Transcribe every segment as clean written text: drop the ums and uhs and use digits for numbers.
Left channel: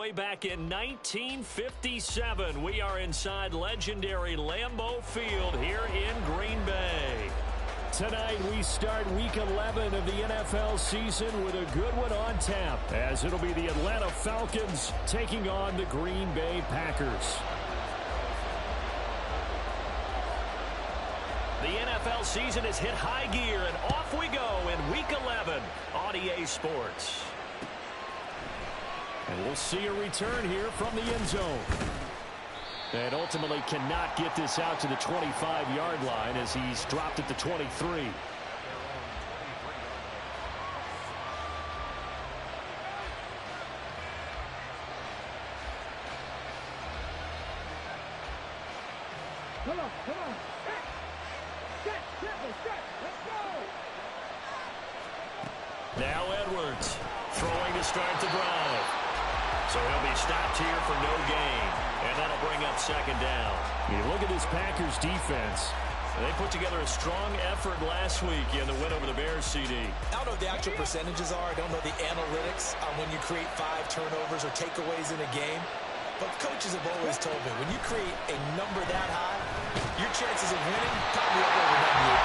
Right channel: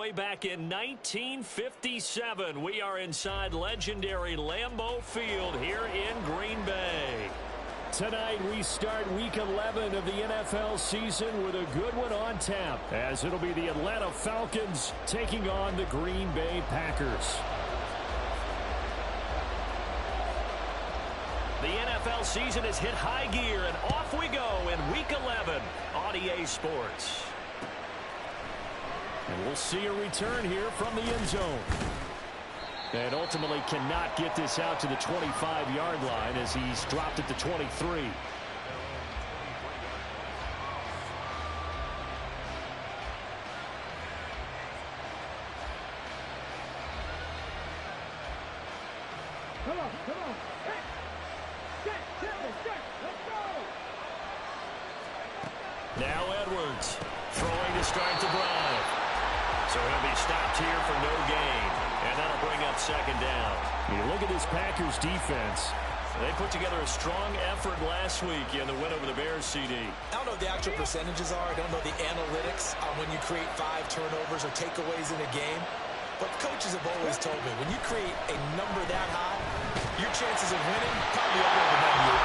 way back in 1957. We are inside legendary Lambeau Field here in Green Bay. Tonight we start Week 11 of the NFL season with a good one on tap, as it'll be the Atlanta Falcons taking on the Green Bay Packers. The NFL season has hit high gear, and off we go in Week 11 on EA Sports. And we'll see a return here from the end zone. And ultimately cannot get this out to the 25-yard line as he's dropped at the 23. Come on. Set. Let's go. Now Edwards throwing to start the drive. So he'll be stopped here for no gain. And that'll bring up second down. You look at this Packers defense. They put together a strong effort last week in the win over the Bears, CD. I don't know what the actual percentages are. I don't know the analytics on when you create 5 turnovers or takeaways in a game. But coaches have always told me, when you create a number that high, your chances of winning probably up over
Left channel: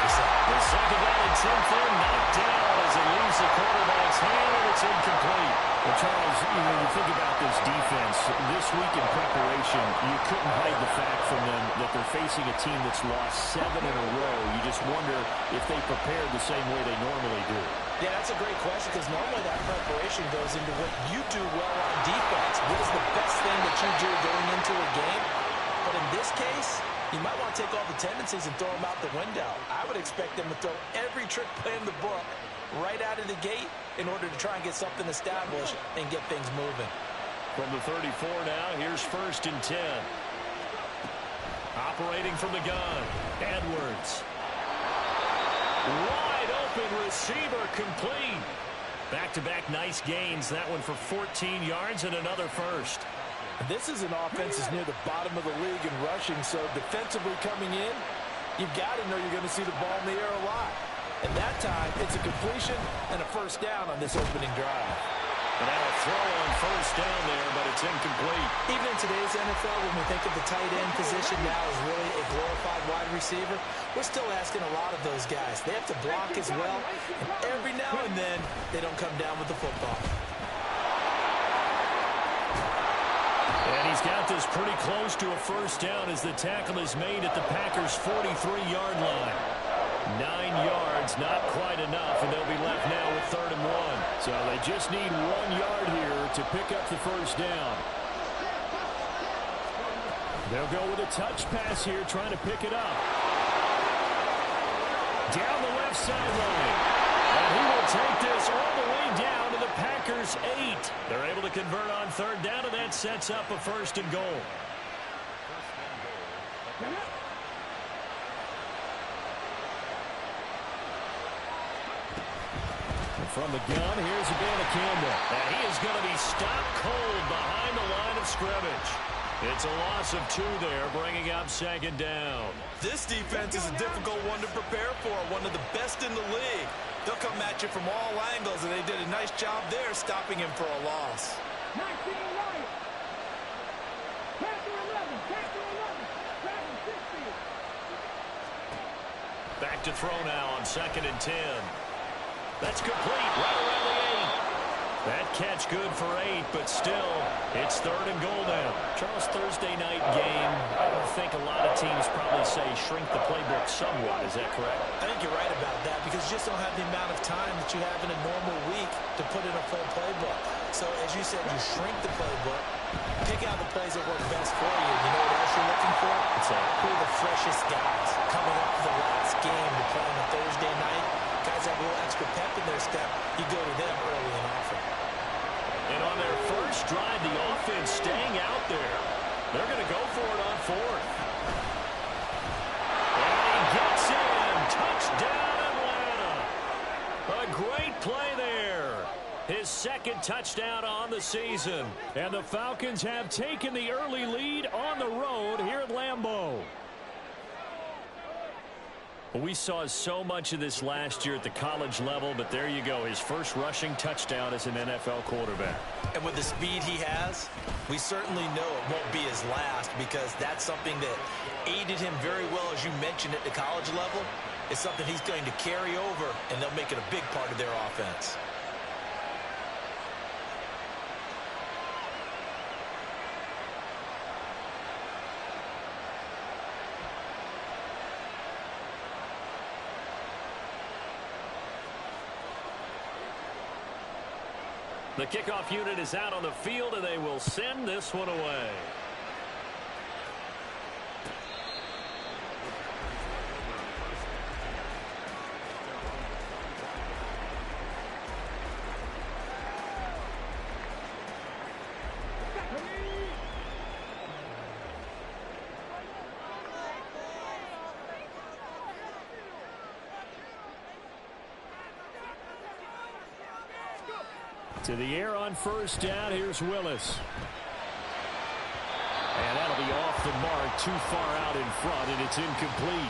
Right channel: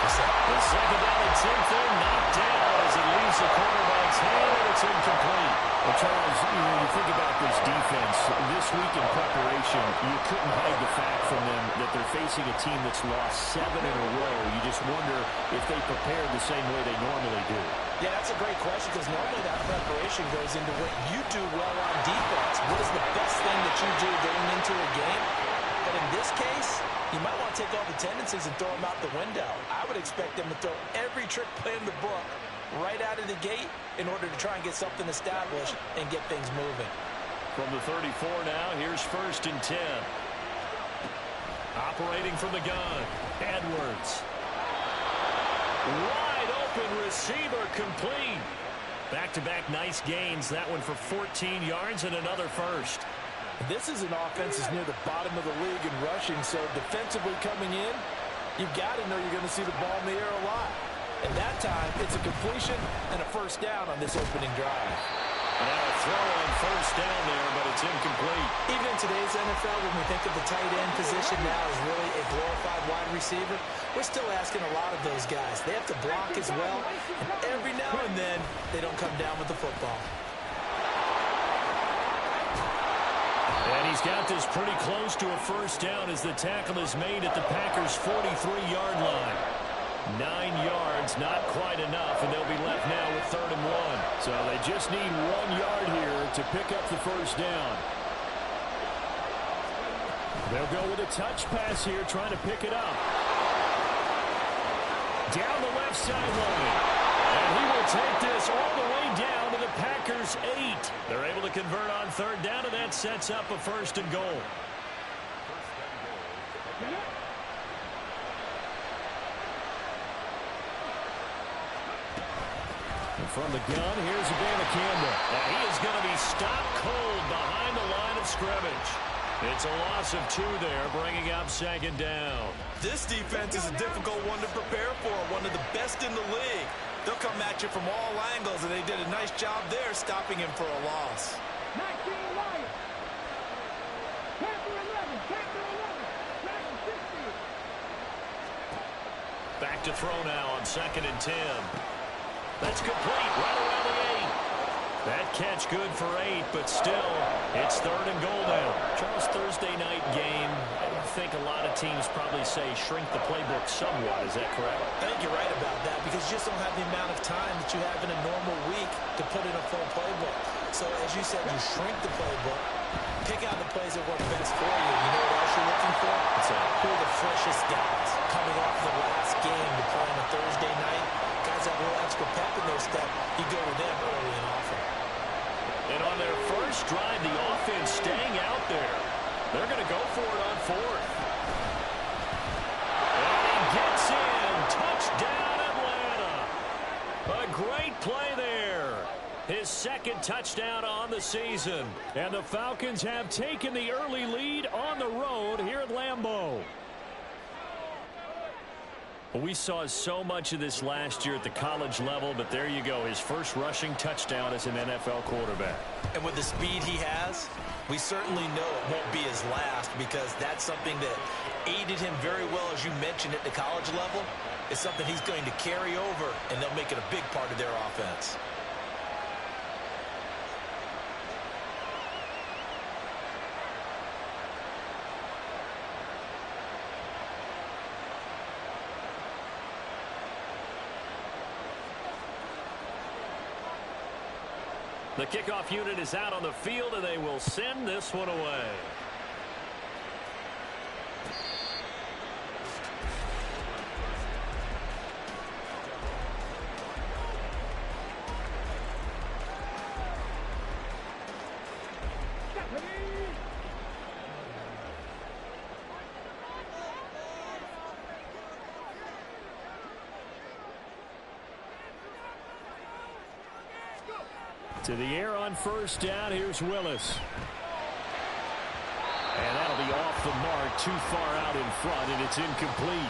98%. The second down and 10th there, knocked down as it leaves the quarterback's hand, and it's incomplete. Well, Charles, you think about this defense. This week in preparation, you couldn't hide the fact from them that they're facing a team that's lost 7 in a row. You just wonder if they prepared the same way they normally do. Yeah, that's a great question, because normally that preparation goes into what you do well on defense. What is the best thing that you do going into a game? But in this case, you might want to take all the tendencies and throw them out the window. I would expect them to throw every trick play in the book right out of the gate in order to try and get something established and get things moving. From the 34 now, here's 1st and 10. Operating from the gun, Edwards. Wide open receiver, complete. Back-to-back nice gains. That one for 14 yards and another first. This is an offense that's near the bottom of the league in rushing, so defensively coming in, you've got to know you're going to see the ball in the air a lot. And that time, it's a completion and a first down on this opening drive. And now a throw on first down there, but it's incomplete. Even in today's NFL, when we think of the tight end position now as really a glorified wide receiver, we're still asking a lot of those guys. They have to block as well, and every now and then, they don't come down with the football. And he's got this pretty close to a first down as the tackle is made at the Packers' 43-yard line. 9 yards, not quite enough, and they'll be left now with 3rd and 1. So they just need 1 yard here to pick up the first down. They'll go with a touch pass here, trying to pick it up. Down the left sideline. And he will take this all the way down to the Packers' 8. They're able to convert on 3rd down, and that sets up a 1st and goal. And from the gun, here's Abanikanda. And he is going to be stopped cold behind the line of scrimmage. It's a loss of 2 there, bringing up 2nd down. This defense is a difficult one to prepare for, one of the best in the league. They'll come at you from all angles, and they did a nice job there stopping him for a loss. 19 Lions. Panther 11. Dragon 60. Back to throw now on 2nd and 10. That's complete right around the 8. That catch good for 8, but still, it's 3rd and goal now. Charles, Thursday night game, I think a lot of teams probably say shrink the playbook somewhat. Is that correct? I think you're right about that, because you just don't have the amount of time that you have in a normal week to put in a full playbook. So, as you said, you shrink the playbook, pick out the plays that work best for you. You know what else you're looking for? What's that? Who are the freshest guys coming off the last game to play on a Thursday night? Guys have a little extra pep in their step. You go to them early and often. And on their first drive, the offense staying out there. They're going to go for it on 4th. And he gets in. Touchdown, Atlanta. A great play there. His 2nd touchdown on the season. And the Falcons have taken the early lead on the road here at Lambeau. We saw so much of this last year at the college level, but there you go. His first rushing touchdown as an NFL quarterback. And with the speed he has, We certainly know it won't be his last because that's something that aided him very well, as you mentioned, at the college level. It's something he's going to carry over, and they'll make it a big part of their offense. The kickoff unit is out on the field, and they will send this one away. To the air on first down. Here's Willis. And that'll be off the mark, too far out in front, and it's incomplete.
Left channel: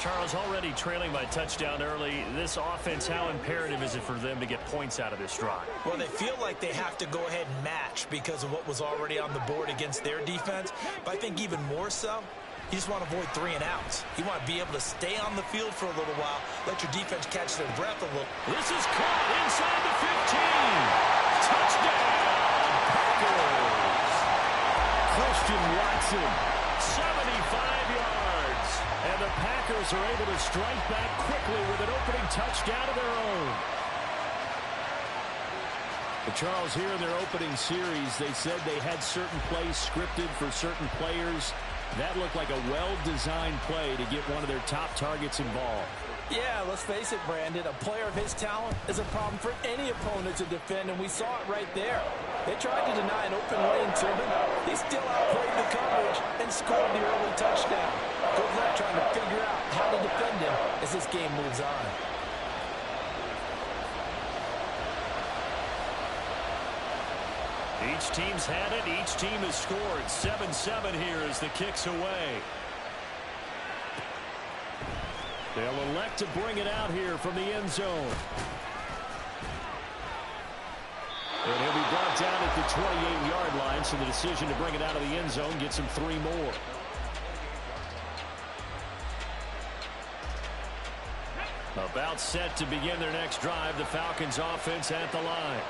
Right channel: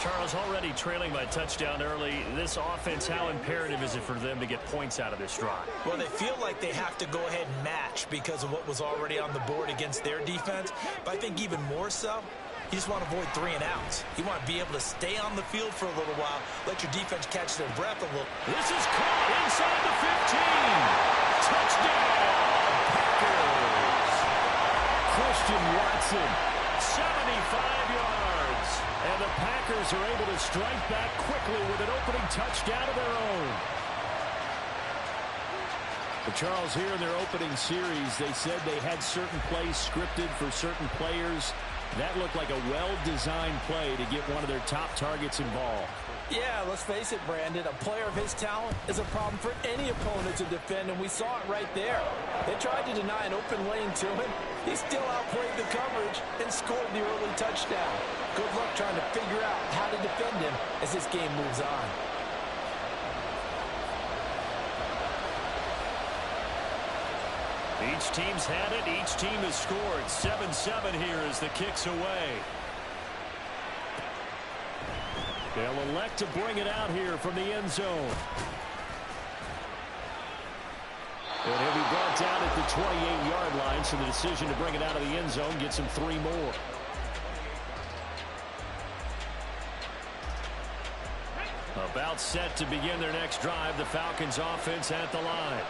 Charles, already trailing by touchdown early. This offense, how imperative is it for them to get points out of this drive? Well, they feel like they have to go ahead and match because of what was already on the board against their defense. But I think even more so, you just want to avoid 3 and outs. You want to be able to stay on the field for a little while, let your defense catch their breath a little. This is caught inside the 15. Touchdown, Packers. Christian Watson, 75 yards. And the Packers are able to strike back quickly with an opening touchdown of their own. But Charles, here in their opening series, they said they had certain plays scripted for certain players. That looked like a well-designed play to get one of their top targets involved. Yeah, let's face it, Brandon. A player of his talent is a problem for any opponent to defend, and we saw it right there. They tried to deny an open lane to him. He still outplayed the coverage and scored the early touchdown. Good luck trying to figure out how to defend him as this game moves on. Each team's had it. Each team has scored. 7-7 here as the kick's away. They'll elect to bring it out here from the end zone. And he'll be brought down at the 28-yard line, so the decision to bring it out of the end zone gets him 3 more. About set to begin their next drive. The Falcons offense at the line.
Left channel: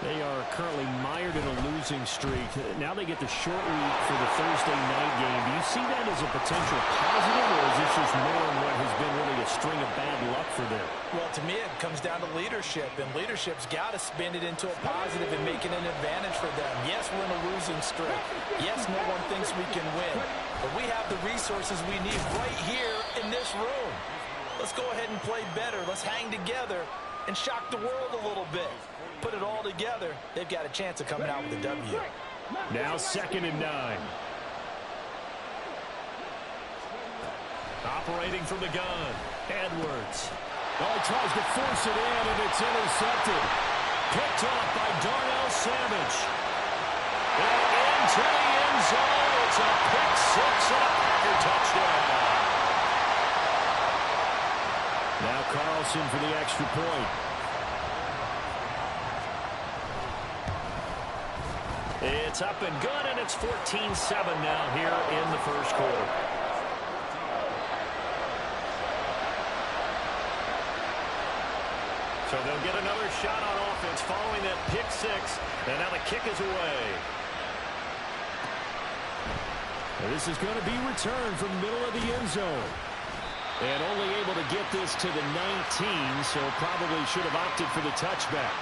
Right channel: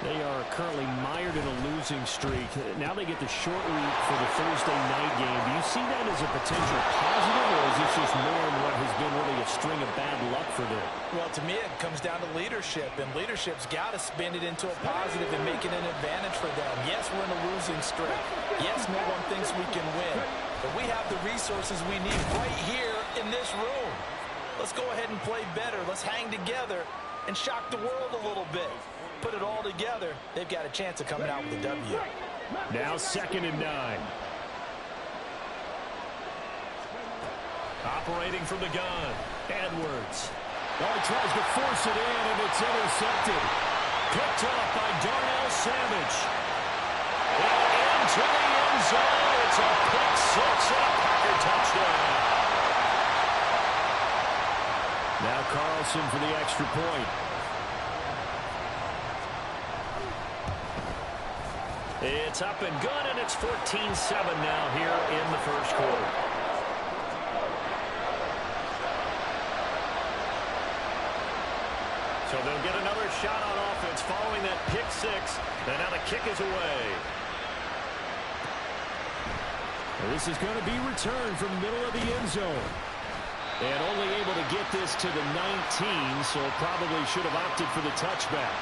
They are currently mired in a losing streak. Now they get the short week for the Thursday night game. Do you see that as a potential positive, or is this just more in what has been really a string of bad luck for them? Well, to me, it comes down to leadership, and leadership's got to spin it into a positive and make it an advantage for them. Yes, we're in a losing streak. Yes, no one thinks we can win, but we have the resources we need right here in this room. Let's go ahead and play better. Let's hang together and shock the world a little bit. Put it all together, they've got a chance of coming out with a W. Now 2nd and 9. Operating from the gun, Edwards. Oh, he tries to force it in, and it's intercepted. Picked off by Darnell Savage. And into the end zone. It's a pick 6 and a Packer touchdown. Now Carlson for the extra point. It's up and good, and it's 14-7 now here in the first quarter. So they'll get another shot on offense following that pick 6, and now the kick is away. And this is going to be returned from the middle of the end zone. And only able to get this to the 19, so probably should have opted for the touchback.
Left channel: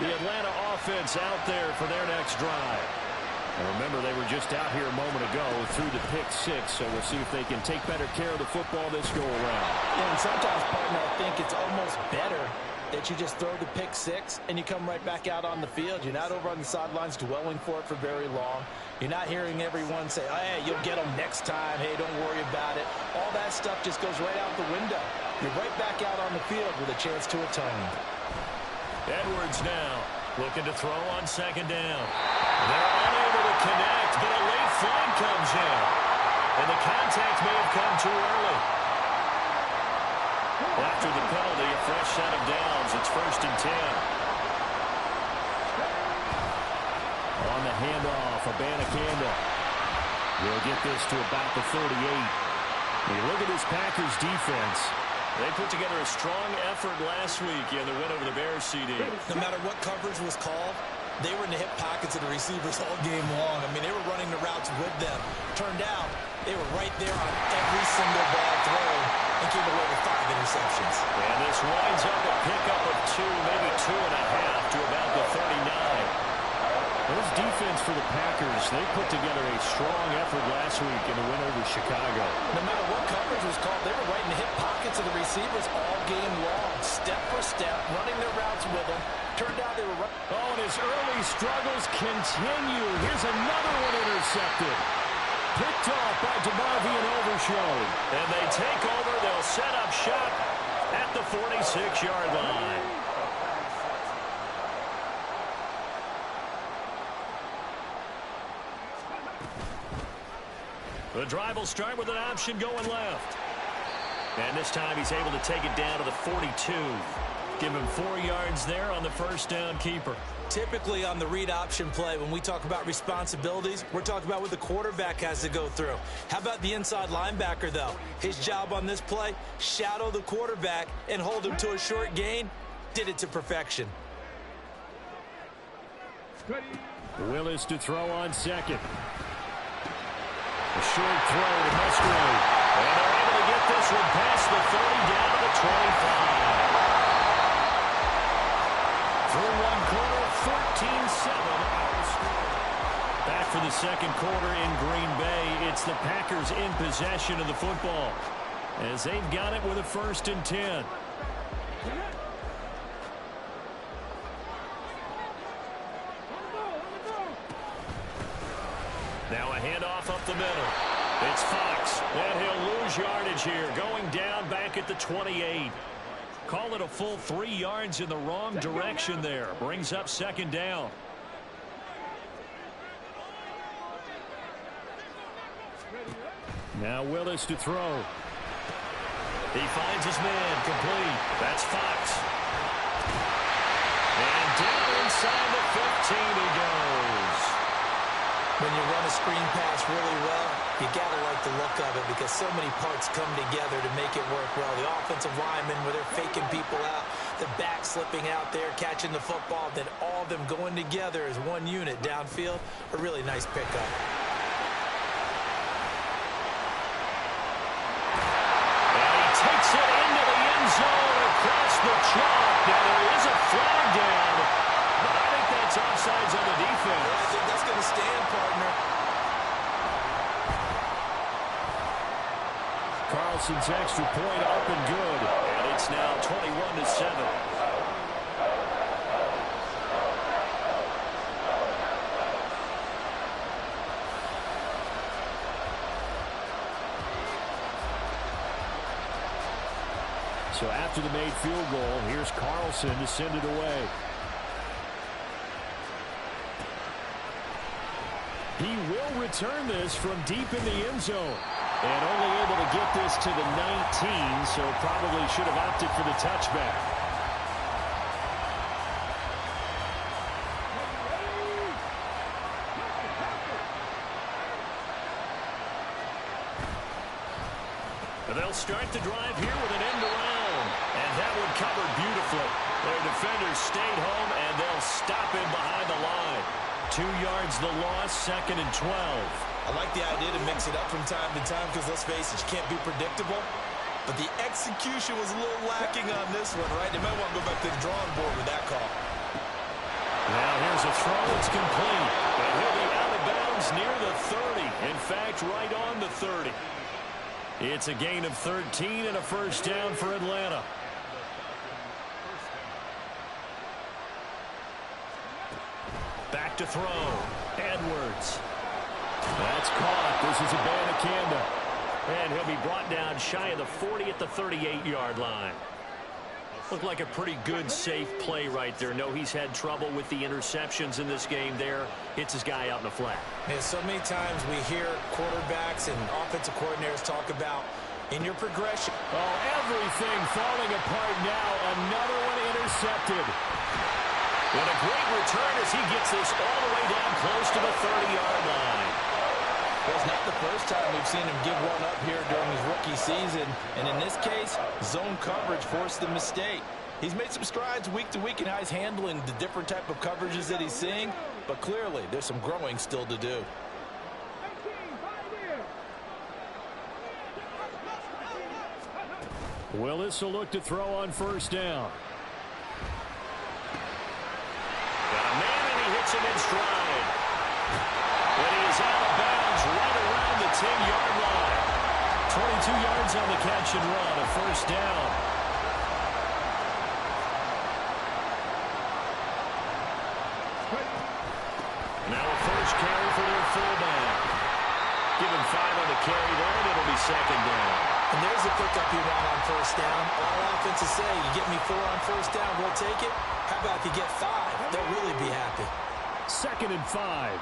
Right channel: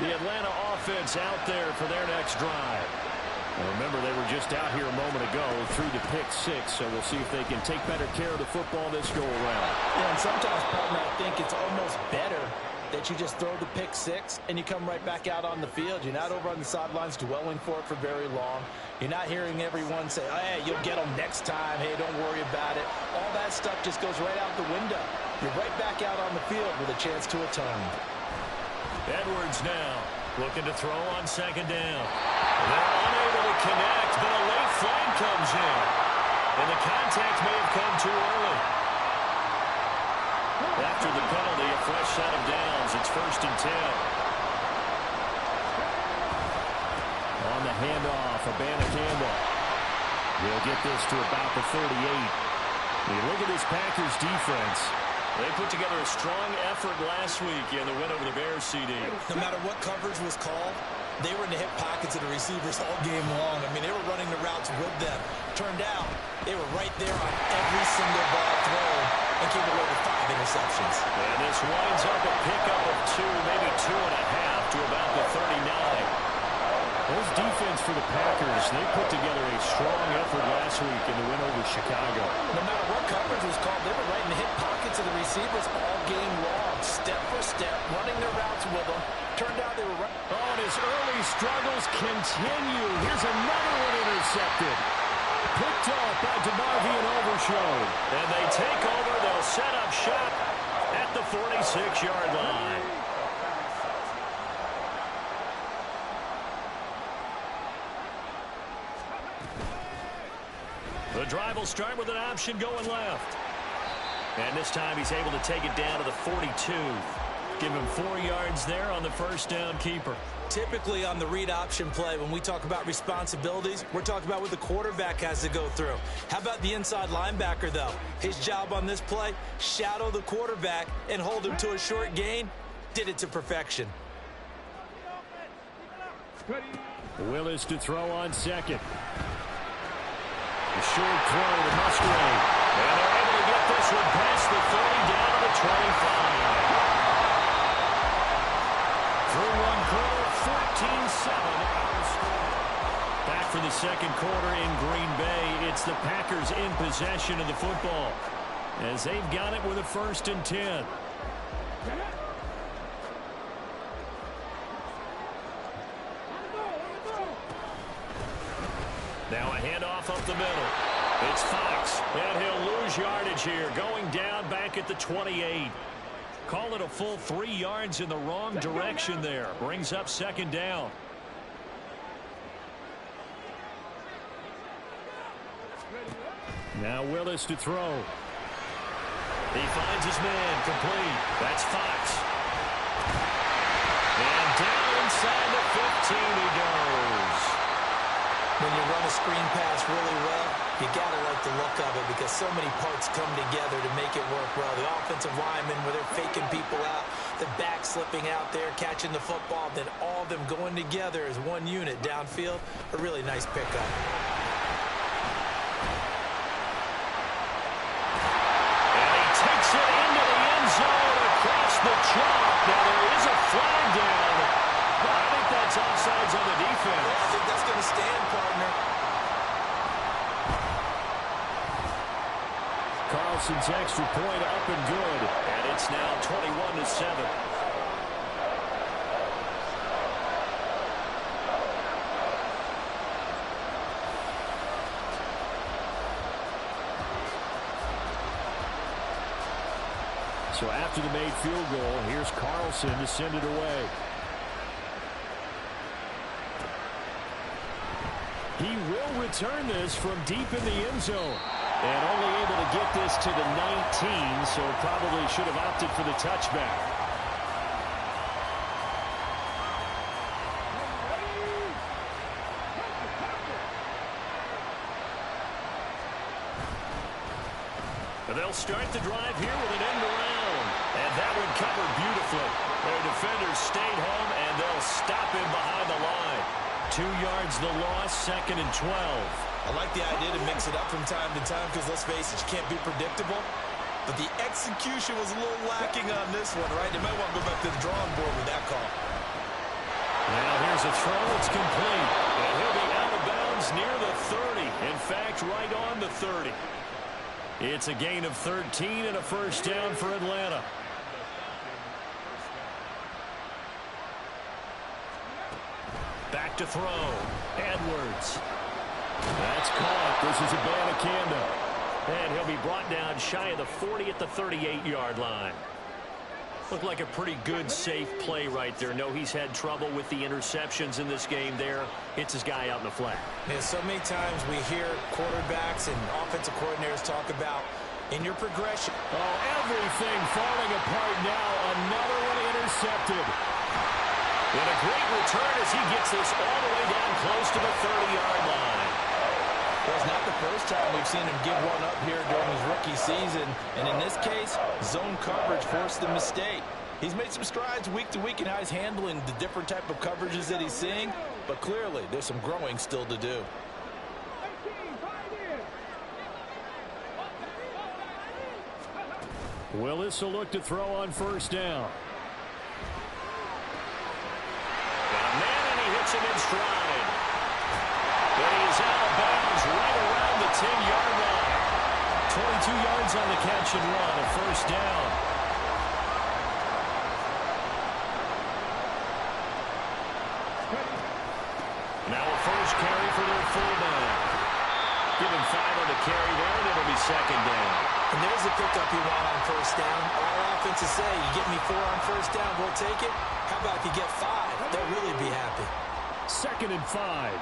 The Atlanta offense out there for their next drive. And remember, they were just out here a moment ago through the pick 6, so we'll see if they can take better care of the football this go-around. Yeah, and sometimes, partner, I think it's almost better that you just throw the pick 6 and you come right back out on the field. You're not over on the sidelines dwelling for it for very long. You're not hearing everyone say, oh, hey, you'll get them next time. Hey, don't worry about it. All that stuff just goes right out the window. You're right back out on the field with a chance to atone. Edwards now looking to throw on 2nd down. They're unable to connect, but a late flag comes in. And the contact may have come too early. After the penalty, a fresh set of downs. It's 1st and 10. On the handoff, Abanikanda. He'll get this to about the 38. You look at this Packers defense. They put together a strong effort last week in the win over the Bears, CD. No matter what coverage was called, they were in the hip pockets of the receivers all game long. I mean, they were running the routes with them. Turned out, they were right there on every single ball thrown and came away with 5 interceptions. And this winds up a pickup of 2, maybe 2.5 to about the 39. This defense for the Packers, they put together a strong effort last week in the win over Chicago. No matter what coverage was called, they were right in the hip pockets of the receivers all game long, step for step, running their routes with them. Turned out they were right. Oh, and his early struggles continue. Here's another one intercepted. Picked off by DeMarvion Overshown. And they take over. They'll set up shop at the 46-yard line. The drive will start with an option going left. And this time he's able to take it down to the 42. Give him 4 yards there on the first down keeper. Typically on the read option play, when we talk about responsibilities, we're talking about what the quarterback has to go through. How about the inside linebacker, though? His job on this play, shadow the quarterback and hold him to a short gain. Did it to perfection. Willis to throw on second. A short throw to Musgrave. And they're able to get this one past the 30 down to the 25. Through one quarter, 14-7 our score. Back for the second quarter in Green Bay. It's the Packers in possession of the football as they've got it with a 1st and 10. Now a handoff up the middle. It's Fox, and he'll lose yardage here, going down back at the 28. Call it a full 3 yards in the wrong direction there. Brings up 2nd down. Now Willis to throw. He finds his man, complete. That's Fox. And down inside the 15 he goes. When you run a screen pass really well, you got to like the look of it because so many parts come together to make it work well. The offensive linemen, where they're faking people out, the back slipping out there, catching the football, then all of them going together as one unit downfield. A really nice pickup. And he takes it into the end zone across the chalk. Now there is a flag down, but I think that's offsides on the defense. Yeah, I think that's going to stand, partner. Carlson's extra point up and good. And it's now 21-7. So after the made field goal, here's Carlson to send it away. He will return this from deep in the end zone. And only able to get this to the 19, so probably should have opted for the touchback. They'll start the drive here with an end around. And that one covered beautifully. Their defenders stayed home, and they'll stop him behind the line. 2 yards the loss, 2nd and 12. I like the idea to mix it up from time to time because, let's face it, you can't be predictable. But the execution was a little lacking on this one, right? They might want to go back to the drawing board with that call. Now here's a throw that's complete. And he'll be out of bounds near the 30. In fact, right on the 30. It's a gain of 13 and a first down for Atlanta. Back to throw. Edwards. That's caught. This is Abanikanda. And he'll be brought down shy of the 40 at the 38-yard line. Looked like a pretty good, safe play right there. No, he's had trouble with the interceptions in this game there. Hits his guy out in the flat. And so many times we hear quarterbacks and offensive coordinators talk about in your progression. Oh, everything falling apart now. Another one intercepted. And a great return as he gets this all the way down close to the 30-yard line. Well, it's not the first time we've seen him give one up here during his rookie season. And in this case, zone coverage forced the mistake. He's made some strides week to week in how he's handling the different type of coverages that he's seeing. But clearly, there's some growing still to do. 18, Pioneers. Willis will look to throw on first down. Got a man, and he hits him in stride. But he is out of bounds right around the 10-yard line. 22 yards on the catch and run, a first down. Now a first carry for their fullback. Give him 5 on the carry there, and it'll be second down. And there's the pickup you want on first down. All offenses say, you get me 4 on first down, we'll take it. How about if you get 5? They'll really be happy. 2nd and 5.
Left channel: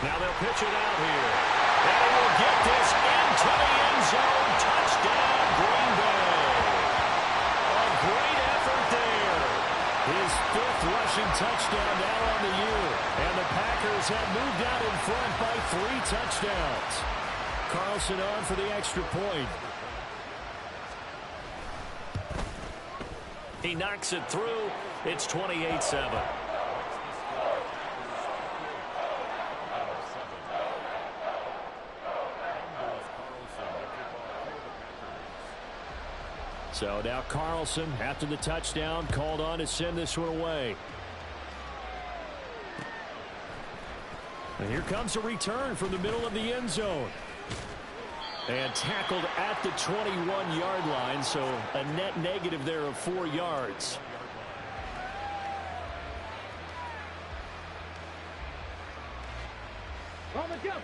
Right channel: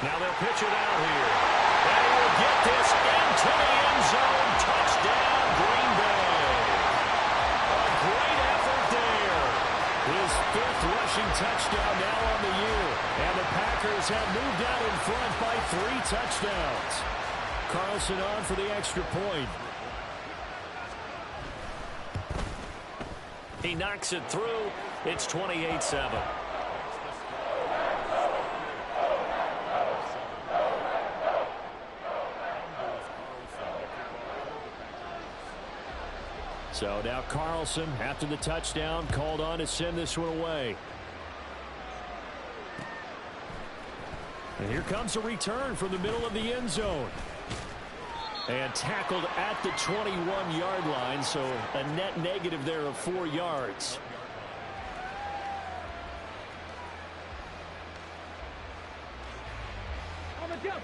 Now they'll pitch it out here. And he will get this into the end zone. Touchdown, Green Bay. A great effort there. His 5th rushing touchdown now on the year. And the Packers have moved out in front by 3 touchdowns. Carlson on for the extra point. He knocks it through. It's 28-7. So now Carlson, after the touchdown, called on to send this one away. And here comes a return from the middle of the end zone. And tackled at the 21-yard line, so a net negative there of 4 yards. On the jump.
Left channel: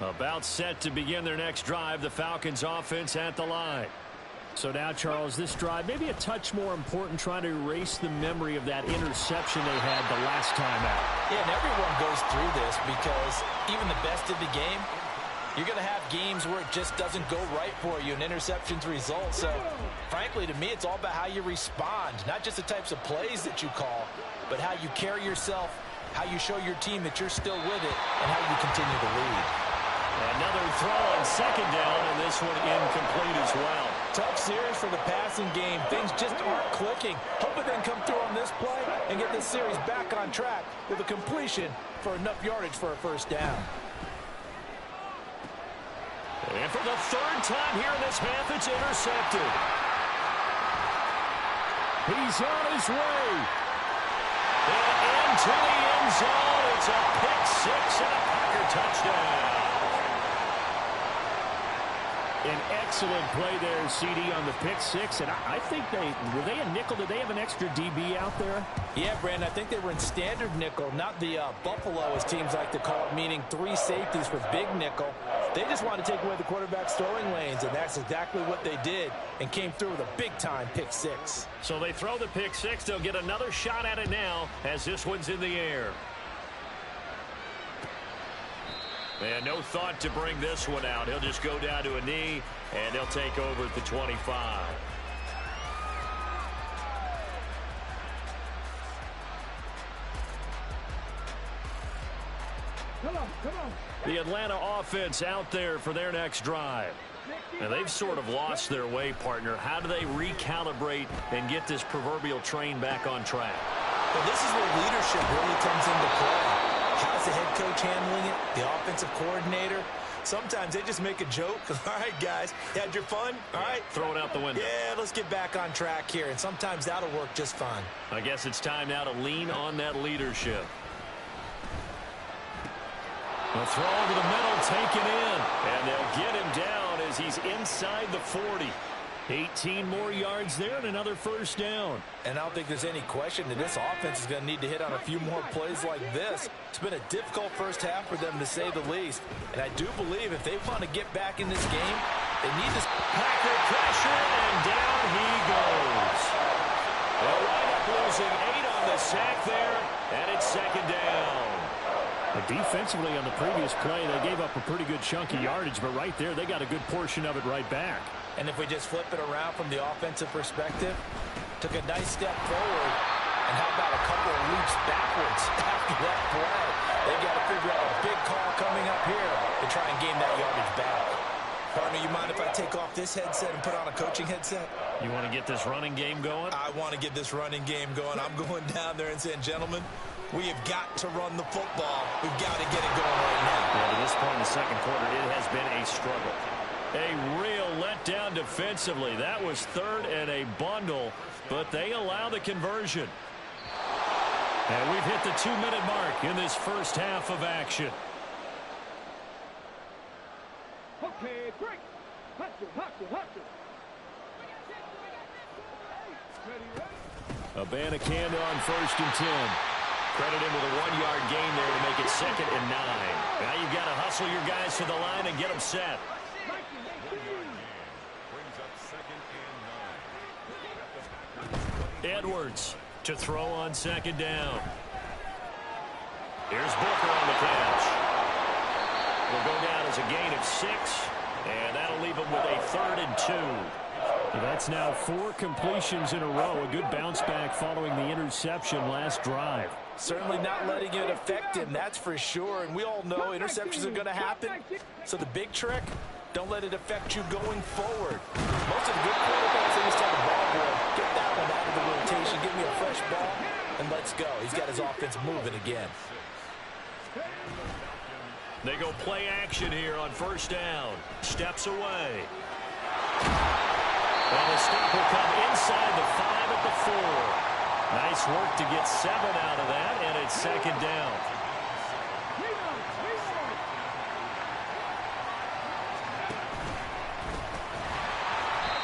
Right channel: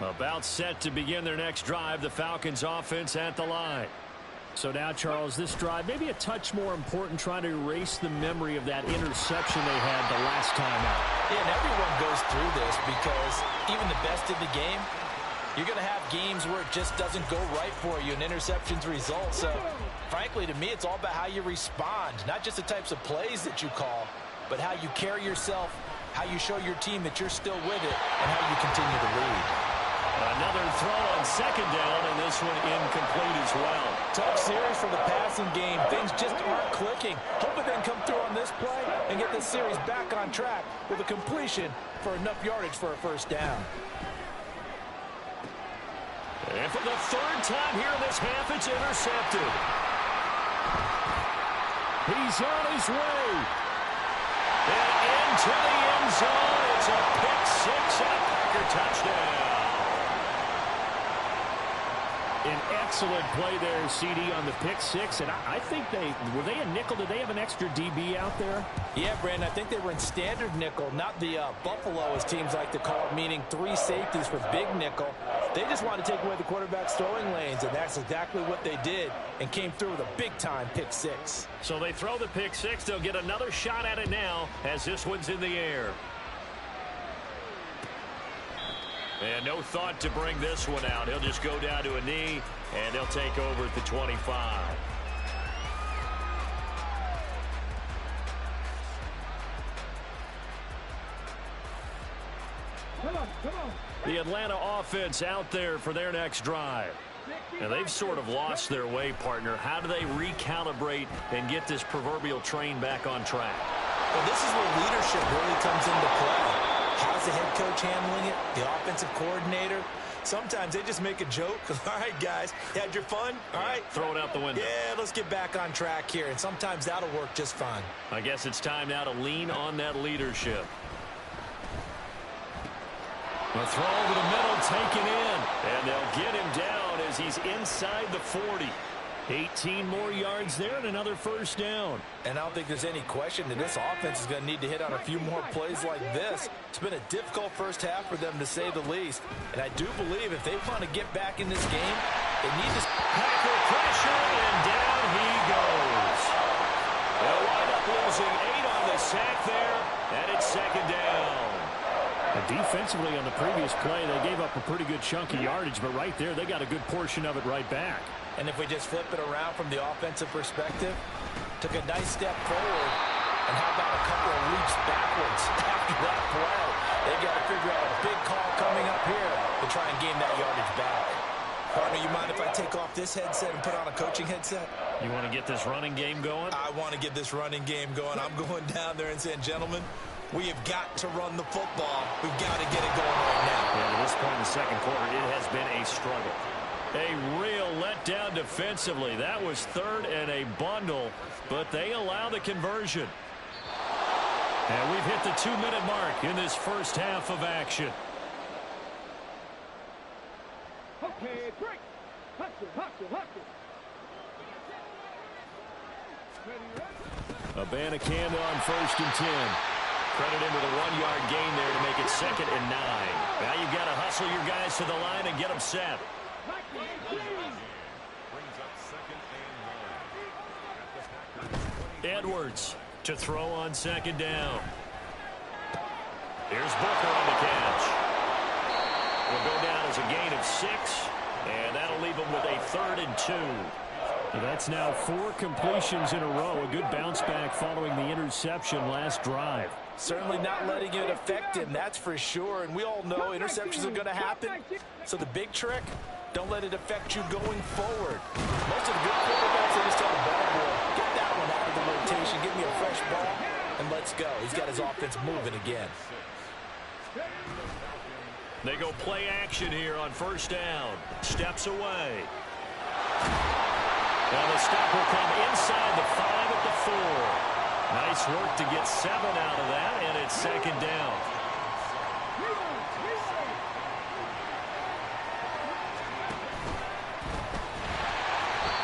About set to begin their next drive, the Falcons offense at the line. So now, Charles, this drive maybe a touch more important, trying to erase the memory of that interception they had the last time out. Yeah, and everyone goes through this because even the best of the game, you're going to have games where it just doesn't go right for you and interceptions result. So, frankly, to me, it's all about how you respond, not just the types of plays that you call, but how you carry yourself, how you show your team that you're still with it, and how you continue to lead. Another throw on second down, and this one incomplete as well. Tough series for the passing game. Things just aren't clicking. Hoping they can come through on this play and get this series back on track with a completion for enough yardage for a first down. And for the 3rd time here in this half, it's intercepted. He's on his way. And into the end zone. It's a pick 6 and a Packer touchdown. An excellent play there, CD, on the pick 6. And I think were they a nickel? Did they have an extra DB out there? Yeah, Brandon, I think they were in standard nickel, not the Buffalo, as teams like to call it, meaning 3 safeties for big nickel. They just wanted to take away the quarterback's throwing lanes, and that's exactly what they did and came through with a big-time pick 6. So they throw the pick 6. They'll get another shot at it now as this one's in the air. And no thought to bring this one out. He'll just go down to a knee, and they'll take over at the 25. Come on. The Atlanta offense out there for their next drive. Now, they've sort of lost their way, partner. How do they recalibrate and get this proverbial train back on track? Well, this is where leadership really comes into play. How's the head coach handling it? The offensive coordinator? Sometimes they just make a joke. All right, guys, had your fun? All right. Throw it out the window. Yeah, let's get back on track here. And sometimes that'll work just fine. I guess it's time now to lean on that leadership. A throw over the middle, taken in. And they'll get him down as he's inside the 40. 18 more yards there and another first down. And I don't think there's any question that this offense is going to need to hit on a few more plays like this. It's been a difficult first half for them, to say the least. And I do believe if they want to get back in this game, they need to... Packer pressure, and down he goes. They'll wind up losing 8 on the sack there, and it's second down. Defensively on the previous play, they gave up a pretty good chunk of yardage, but right there, they got a good portion of it right back. And if we just flip it around from the offensive perspective, took a nice step forward, and how about a couple of leaps backwards after that play? They got to figure out a big call coming up here to try and gain that yardage back. Partner, you mind if I take off this headset and put on a coaching headset? You want to get this running game going? I want to get this running game going. I'm going down there and saying, gentlemen, we have got to run the football. We've got to get it going right now. Yeah, to this point in the second quarter, it has been a struggle. A real letdown defensively. That was third and a bundle, but they allow the conversion. And we've hit the 2-minute mark in this first half of action. Okay, break. Hustle, hustle, hustle. Abanikanda on 1st and 10. Credit him with a 1-yard gain there to make it 2nd and 9. Now you've got to hustle your guys to the line and get them set. Edwards to throw on 2nd down. Here's Booker on the catch. Will go down as a gain of 6, and that'll leave him with a 3rd and 2. That's now 4 completions in a row. A good bounce back following the interception last drive. Certainly not letting it affect him, that's for sure. And we all know interceptions are going to happen. So the big trick, don't let it affect you going forward. Most of the good quarterbacks, they just tell the ball boy, get that one out of the rotation, give me a fresh ball, and let's go. He's got his offense moving again. They go play action here on 1st down. Steps away. And the stop will come inside the 5 at the 4. Nice work to get 7 out of that, and it's 2nd down.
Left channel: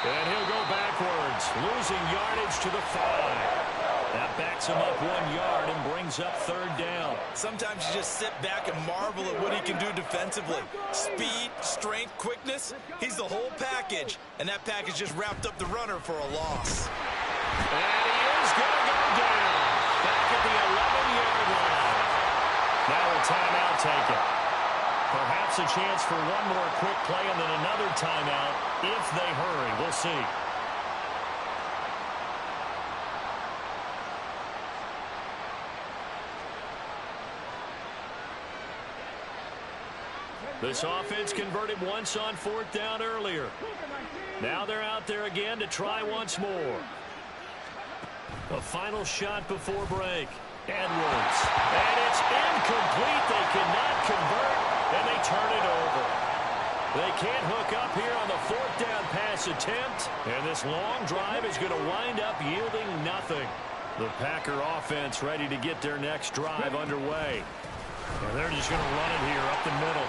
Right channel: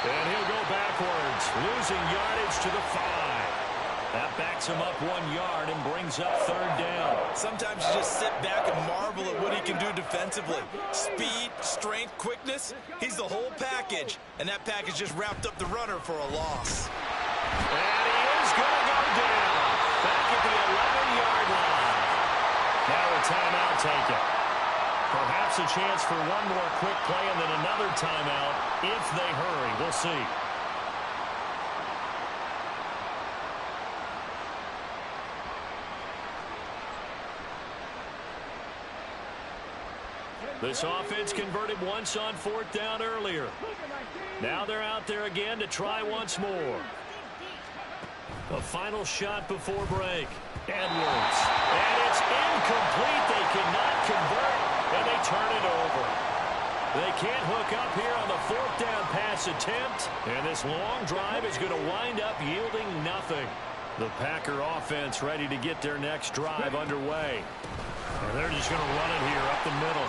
And he'll go backwards, losing yardage to the 5. That backs him up 1 yard and brings up 3rd down. Sometimes you just sit back and marvel at what he can do defensively. Speed, strength, quickness, he's the whole package. And that package just wrapped up the runner for a loss. And he is going to go down. Back at the 11-yard line. Now a timeout taken. Perhaps a chance for one more quick play and then another timeout if they hurry. We'll see. This offense converted once on 4th down earlier. Now they're out there again to try once more. A final shot before break. Edwards. And it's incomplete. They cannot convert, and they turn it over. They can't hook up here on the 4th down pass attempt, and this long drive is going to wind up yielding nothing. The Packer offense ready to get their next drive underway. And they're just going to run it here up the middle.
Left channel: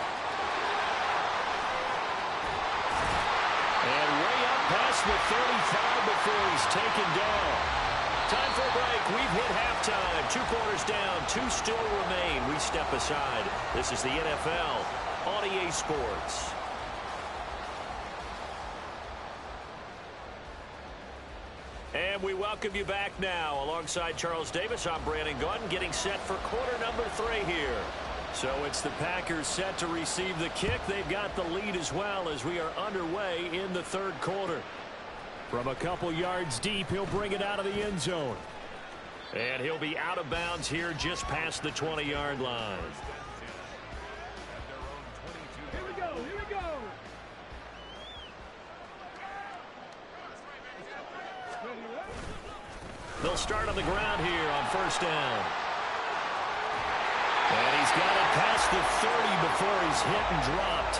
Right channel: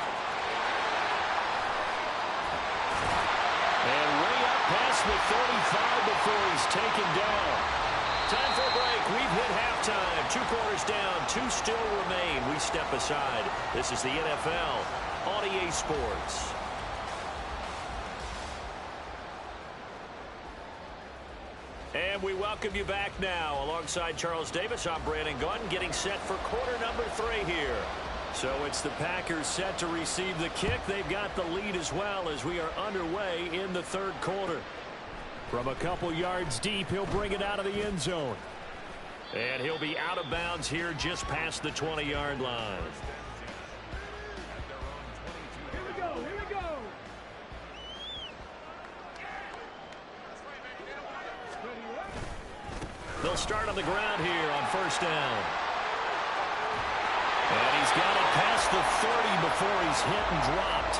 And way up past the 35 before he's taken down. Time for a break. We've hit halftime. 2 quarters down. 2 still remain. We step aside. This is the NFL on EA Sports. And we welcome you back now. Alongside Charles Davis, I'm Brandon Gaudin, getting set for quarter number 3 here. So it's the Packers set to receive the kick. They've got the lead as well as we are underway in the 3rd quarter. From a couple yards deep, he'll bring it out of the end zone. And he'll be out of bounds here just past the 20-yard line. Here we go, here we go. They'll start on the ground here on 1st down. And he's got it past the 30 before he's hit and dropped.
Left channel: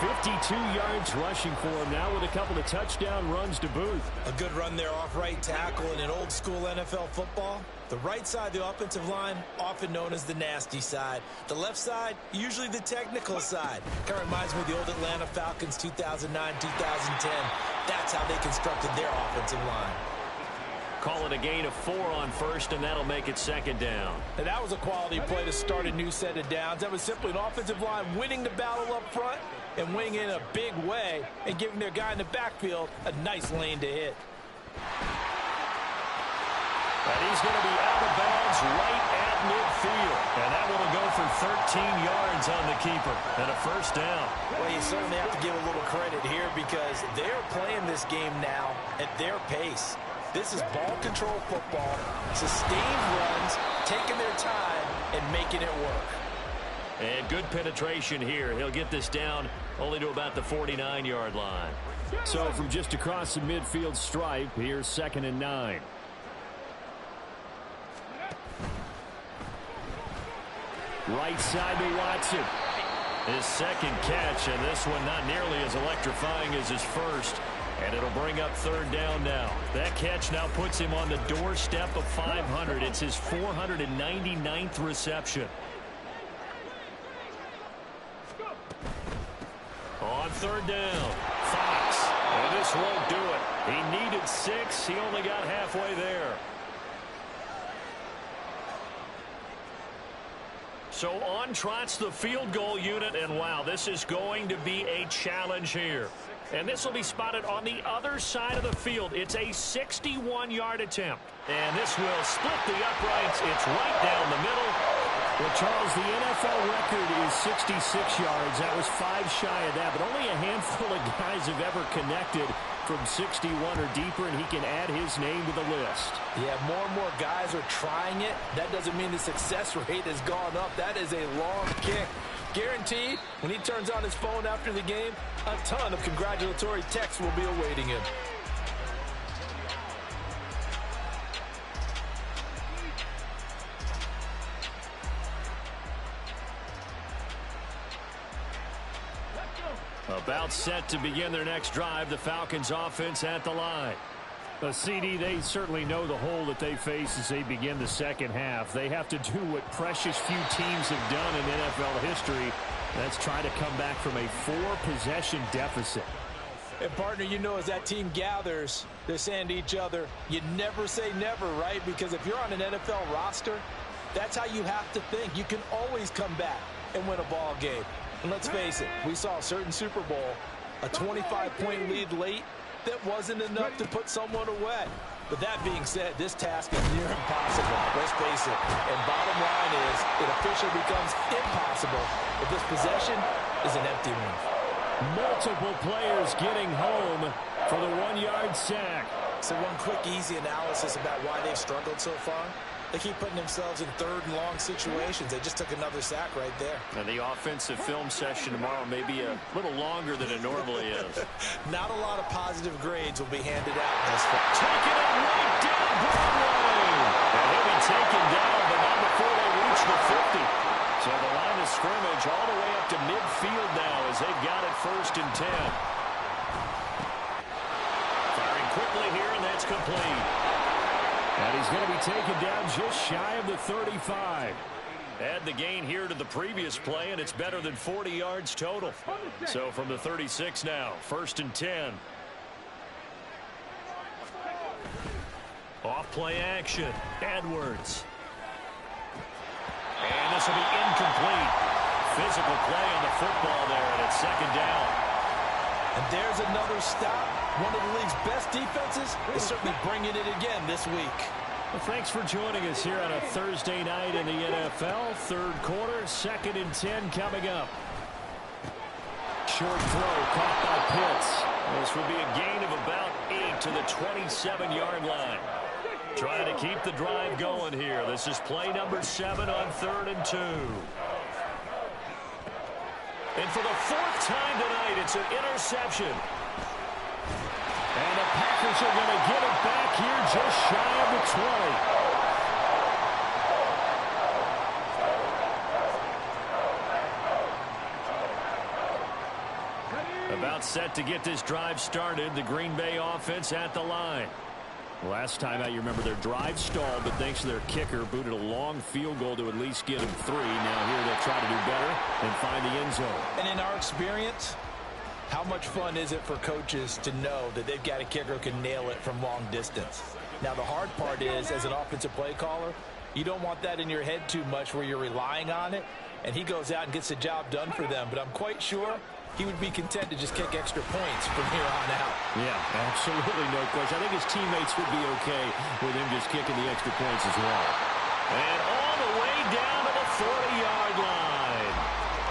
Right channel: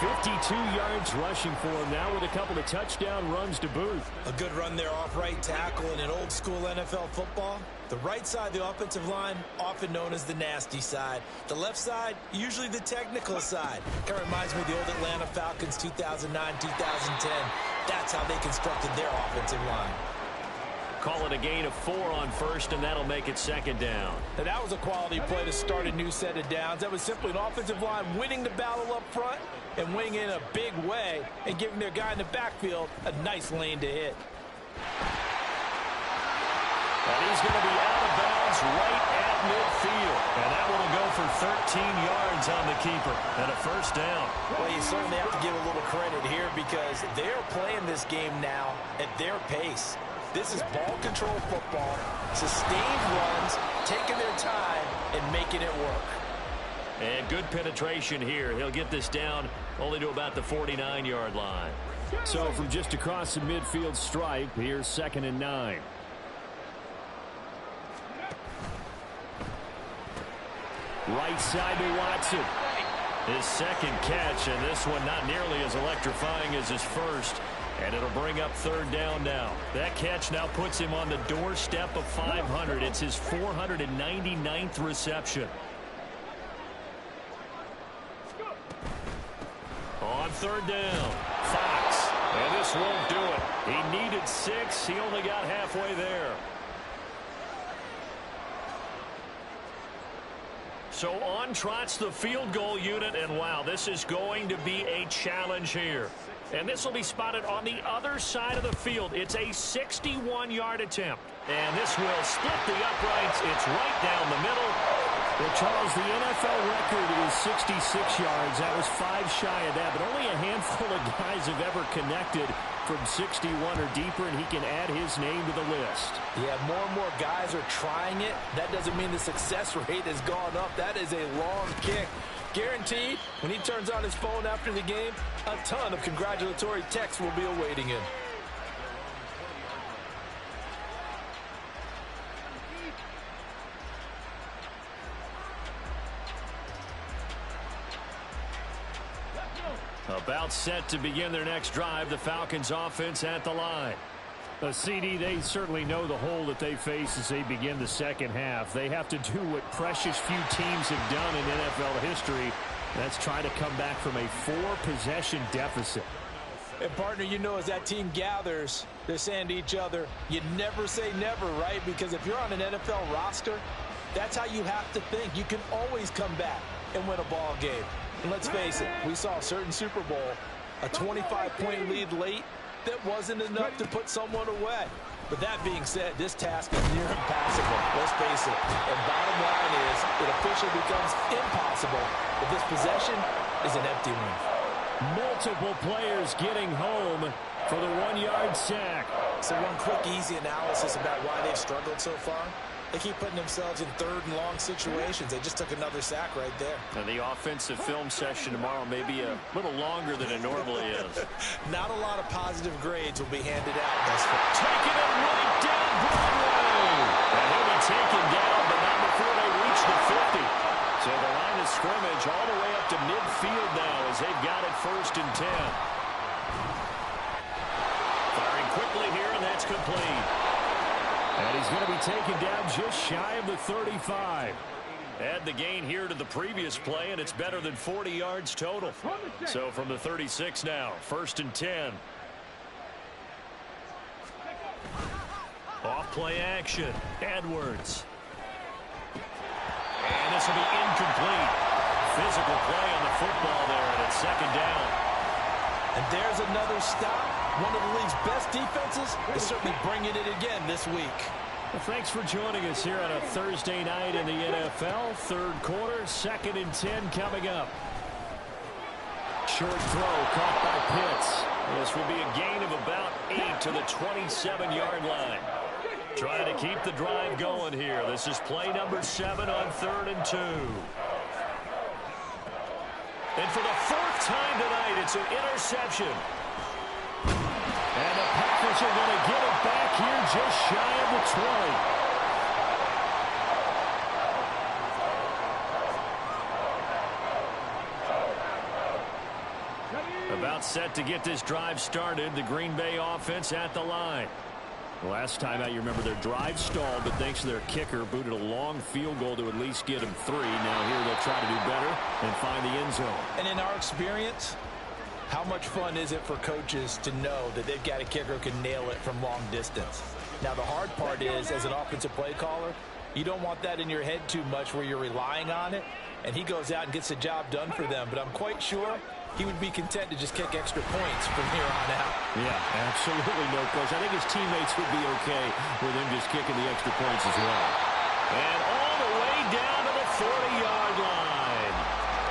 52 yards rushing for him now with a couple of touchdown runs to boot. A good run there off right tackle in an old school NFL football. The right side of the offensive line, often known as the nasty side. The left side, usually the technical side. Kind of reminds me of the old Atlanta Falcons 2009, 2010. That's how they constructed their offensive line. Call it a gain of 4 on 1st, and that'll make it 2nd down. Now, that was a quality play to start a new set of downs. That was simply an offensive line winning the battle up front and winning in a big way and giving their guy in the backfield a nice lane to hit. And he's going to be out of bounds right at midfield. And that one will go for 13 yards on the keeper and a first down. Well, you certainly have to give a little credit here because they're playing this game now at their pace. This is ball control football, sustained runs, taking their time and making it work. And good penetration here. He'll get this down only to about the 49-yard line. So from just across the midfield stripe, here's 2nd and 9. Right side to Watson. His second catch, and this one not nearly as electrifying as his first. And it'll bring up 3rd down now. That catch now puts him on the doorstep of 500. It's his 499th reception. On 3rd down, Fox. And this won't do it. He needed 6. He only got halfway there. So on trots the field goal unit, and wow, this is going to be a challenge here. And this will be spotted on the other side of the field. It's a 61-yard attempt. And this will split the uprights. It's right down the middle. Well, Charles, the NFL record is 66 yards. That was 5 shy of that, but only a handful of guys have ever connected from 61 or deeper, and he can add his name to the list. Yeah, more and more guys are trying it. That doesn't mean the success rate has gone up. That is a long kick. Guaranteed, when he turns on his phone after the game, a ton of congratulatory texts will be awaiting him. About set to begin their next drive, the Falcons offense at the line. CD, they certainly know the hole that they face as they begin the second half. They have to do what precious few teams have done in NFL history. That's try to come back from a 4-possession deficit. And, partner, you know, as that team gathers, they're saying to each other, you never say never, right? Because if you're on an NFL roster, that's how you have to think. You can always come back and win a ball game. And let's face it, we saw a certain Super Bowl, a 25-point lead late, that wasn't enough to put someone away. But that being said, this task is near impossible. Let's face it. And bottom line is, it officially becomes impossible if this possession is an empty one. Multiple players getting home for the 1-yard sack. So one quick, easy analysis about why they've struggled so far. They keep putting themselves in 3rd and long situations. They just took another sack right there. And the offensive film session tomorrow may be a little longer than it normally is. Not a lot of positive grades will be handed out thus far. Taking it right down Broadway. And he'll be taken down, but not before they reach the 50. So the line of scrimmage all the way up to midfield now as they've got it 1st and 10. Firing quickly here, and that's complete. And he's going to be taken down just shy of the 35. Add the gain here to the previous play, and it's better than 40 yards total. So from the 36 now, 1st and 10. Off play action, Edwards. And this will be incomplete. Physical play on the football there, and it's 2nd down. And there's another stop. One of the league's best defenses is certainly bringing it again this week. Well, thanks for joining us here on a Thursday night in the NFL. 3rd quarter, 2nd and 10 coming up. Short throw caught by Pitts. This will be a gain of about 8 to the 27-yard line. Trying to keep the drive going here. This is play number 7 on 3rd and 2. And for the 4th time tonight, it's an interception. And the Packers are going to get it back here just shy of the 20. About set to get this drive started. The Green Bay offense at the line. Last time out, you remember their drive stalled, but thanks to their kicker, booted a long field goal to at least get them 3. Now here they'll try to do better and find the end zone. And in our experience, how much fun is it for coaches to know that they've got a kicker who can nail it from long distance? Now, the hard part is, as an offensive play caller, you don't want that in your head too much where you're relying on it, and he goes out and gets the job done for them. But I'm quite sure he would be content to just kick extra points from here on out. Yeah, absolutely no question. I think his teammates would be okay with him just kicking the extra points as well. And all the way down to the 40-yard line.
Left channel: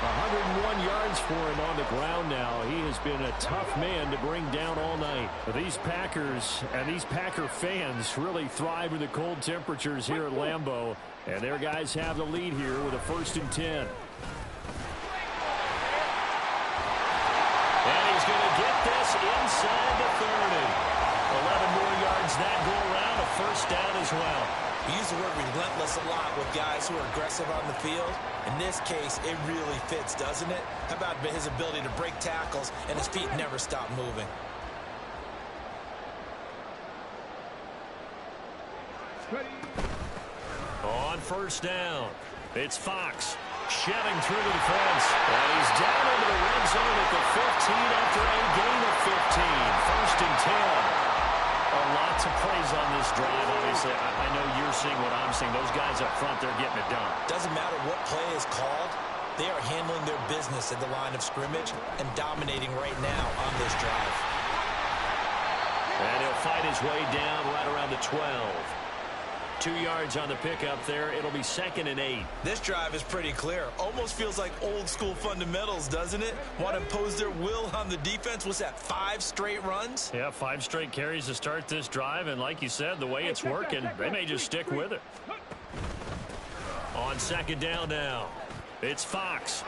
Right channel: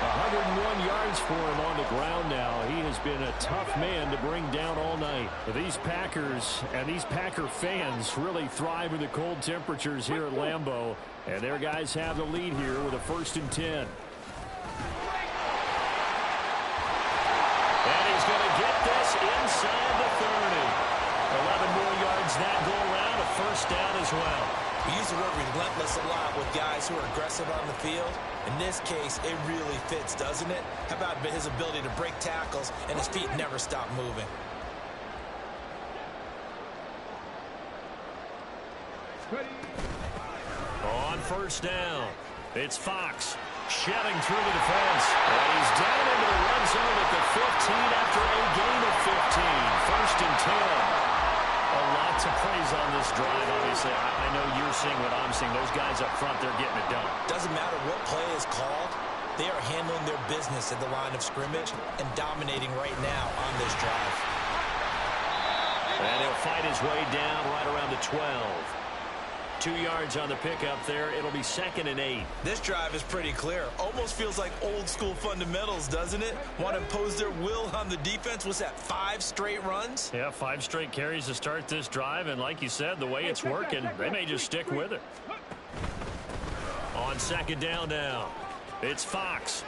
101 yards for him on the ground now. He has been a tough man to bring down all night. These Packers and these Packer fans really thrive in the cold temperatures here at Lambeau. And their guys have the lead here with a 1st and 10. And he's going to get this inside the 30. 11 more yards that go around, a 1st down as well. We use the word relentless a lot with guys who are aggressive on the field. In this case, it really fits, doesn't it? How about his ability to break tackles and his feet never stop moving? On 1st down, it's Fox shedding through the defense. And he's down into the red zone at the 15 after a gain of 15. 1st and 10. A lot to praise on this drive, obviously. I know you're seeing what I'm seeing. Those guys up front, they're getting it done. Doesn't matter what play is called. They are handling their business at the line of scrimmage and dominating right now on this drive. And he'll fight his way down right around the 12. 2 yards on the pickup there. It'll be 2nd and 8. This drive is pretty clear. Almost feels like old school fundamentals, doesn't it? Want to impose their will on the defense. What's that, 5 straight runs? Yeah, 5 straight carries to start this drive. And like you said, the way it's working, they may just stick with it. On 2nd down now, it's Fox.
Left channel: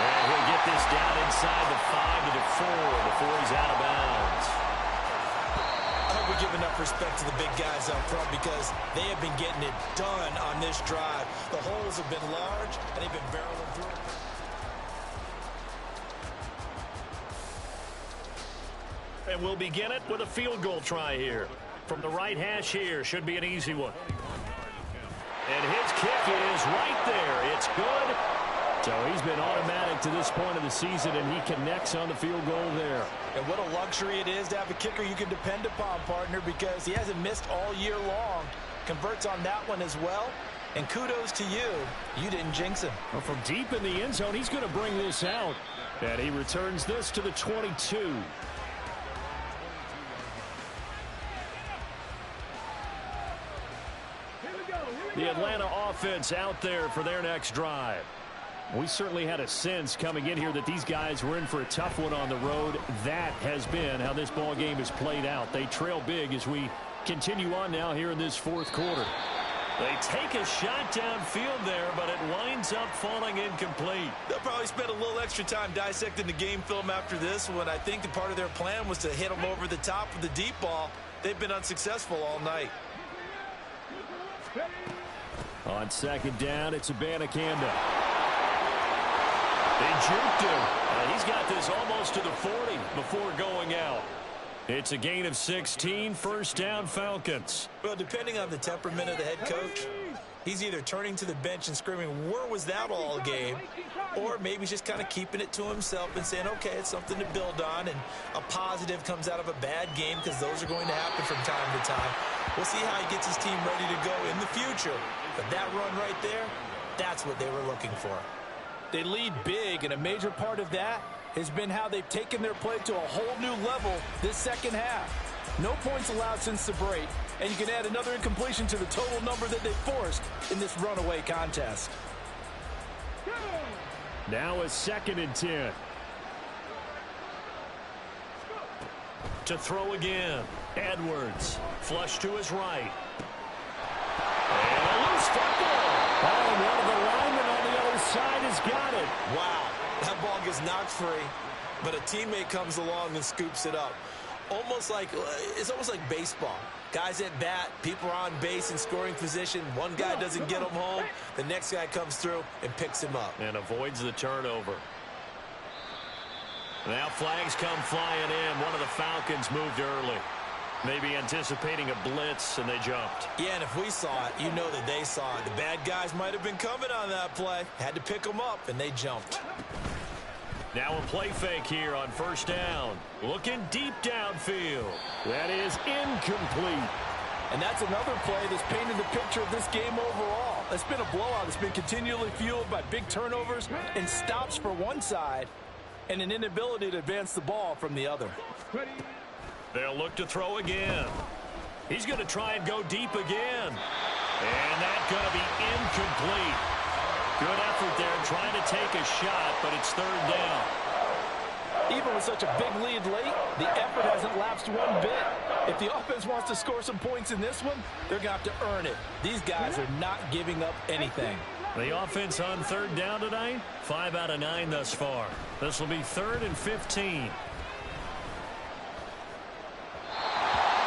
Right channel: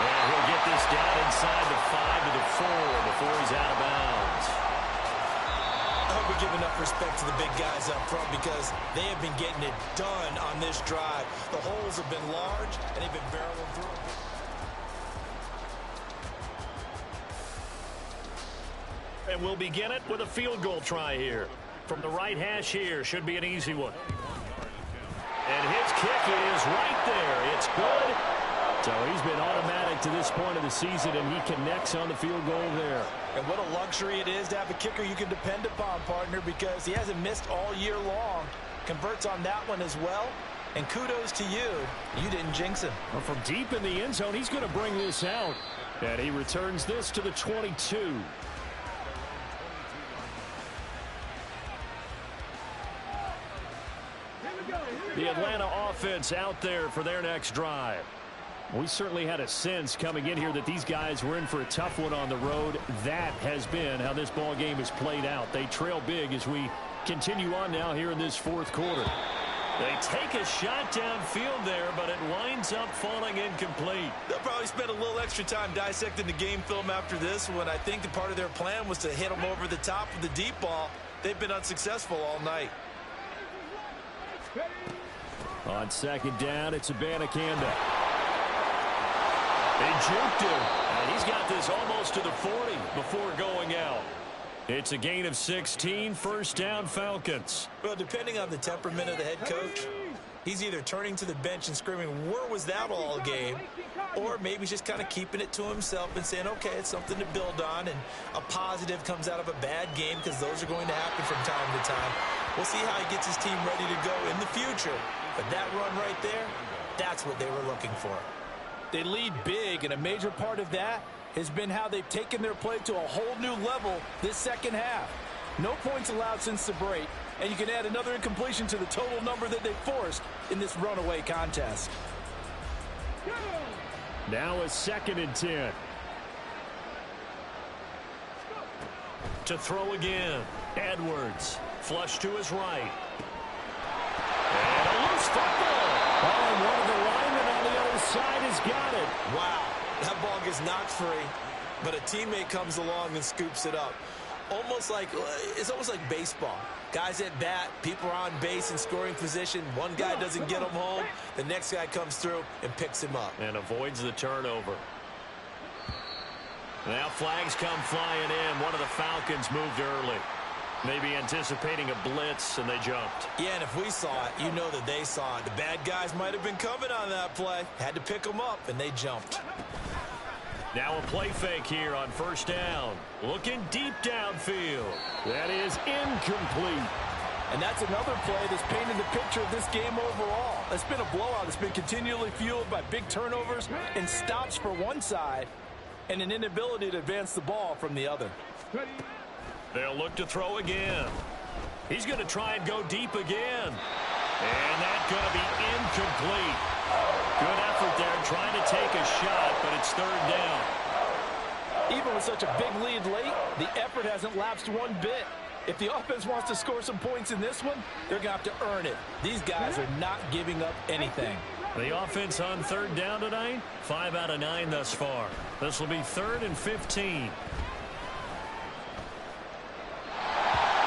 And he'll get this down inside the 5 to the 4 before he's out of bounds. I hope we give enough respect to the big guys up front because they have been getting it done on this drive. The holes have been large, and they've been barreling through them. And we'll begin it with a field goal try here. From the right hash here, should be an easy one. And his kick is right there. It's good. So he's been automatic to this point of the season, and he connects on the field goal there. And what a luxury it is to have a kicker you can depend upon, partner, because he hasn't missed all year long. Converts on that one as well. And kudos to you. You didn't jinx him. Well, from deep in the end zone, he's going to bring this out. And he returns this to the 22. The Atlanta offense out there for their next drive. We certainly had a sense coming in here that these guys were in for a tough one on the road. That has been how this ball game has played out. They trail big as we continue on now here in this 4th quarter. They take a shot downfield there, but it winds up falling incomplete. They'll probably spend a little extra time dissecting the game film after this one. I think the part of their plan was to hit them over the top of the deep ball. They've been unsuccessful all night. On 2nd down, it's Abanikanda. They juked him, and he's got this almost to the 40 before going out. It's a gain of 16, 1st down Falcons. Well, depending on the temperament of the head coach, he's either turning to the bench and screaming, where was that all game? Or maybe he's just kind of keeping it to himself and saying, okay, it's something to build on, and a positive comes out of a bad game because those are going to happen from time to time. We'll see how he gets his team ready to go in the future. But that run right there, that's what they were looking for. They lead big, and a major part of that has been how they've taken their play to a whole new level this 2nd half. No points allowed since the break, and you can add another incompletion to the total number that they forced in this runaway contest. Now a 2nd and 10. To throw again, Edwards. Flush to his right. And a loose football. Oh, and one of the linemen on the other side has got it. Wow, that ball gets knocked free, but a teammate comes along and scoops it up. It's almost like baseball. Guys at bat, people are on base in scoring position. One guy doesn't get him home. The next guy comes through and picks him up. And avoids the turnover. Now flags come flying in. One of the Falcons moved early. Maybe anticipating a blitz, and they jumped. Yeah, and if we saw it, you know that they saw it. The bad guys might have been coming on that play. Had to pick them up, and they jumped. Now a play fake here on 1st down. Looking deep downfield. That is incomplete. And that's another play that's painted the picture of this game overall. It's been a blowout. It's been continually fueled by big turnovers and stops for one side and an inability to advance the ball from the other. Ready. They'll look to throw again. He's going to try and go deep again. And that's going to be incomplete. Good effort there trying to take a shot, but it's third down. Even with such a big lead late, the effort hasn't lapsed one bit. If the offense wants to score some points in this one, they're going to have to earn it. These guys are not giving up anything. The offense on third down tonight, 5 out of 9 thus far. This will be 3rd and 15.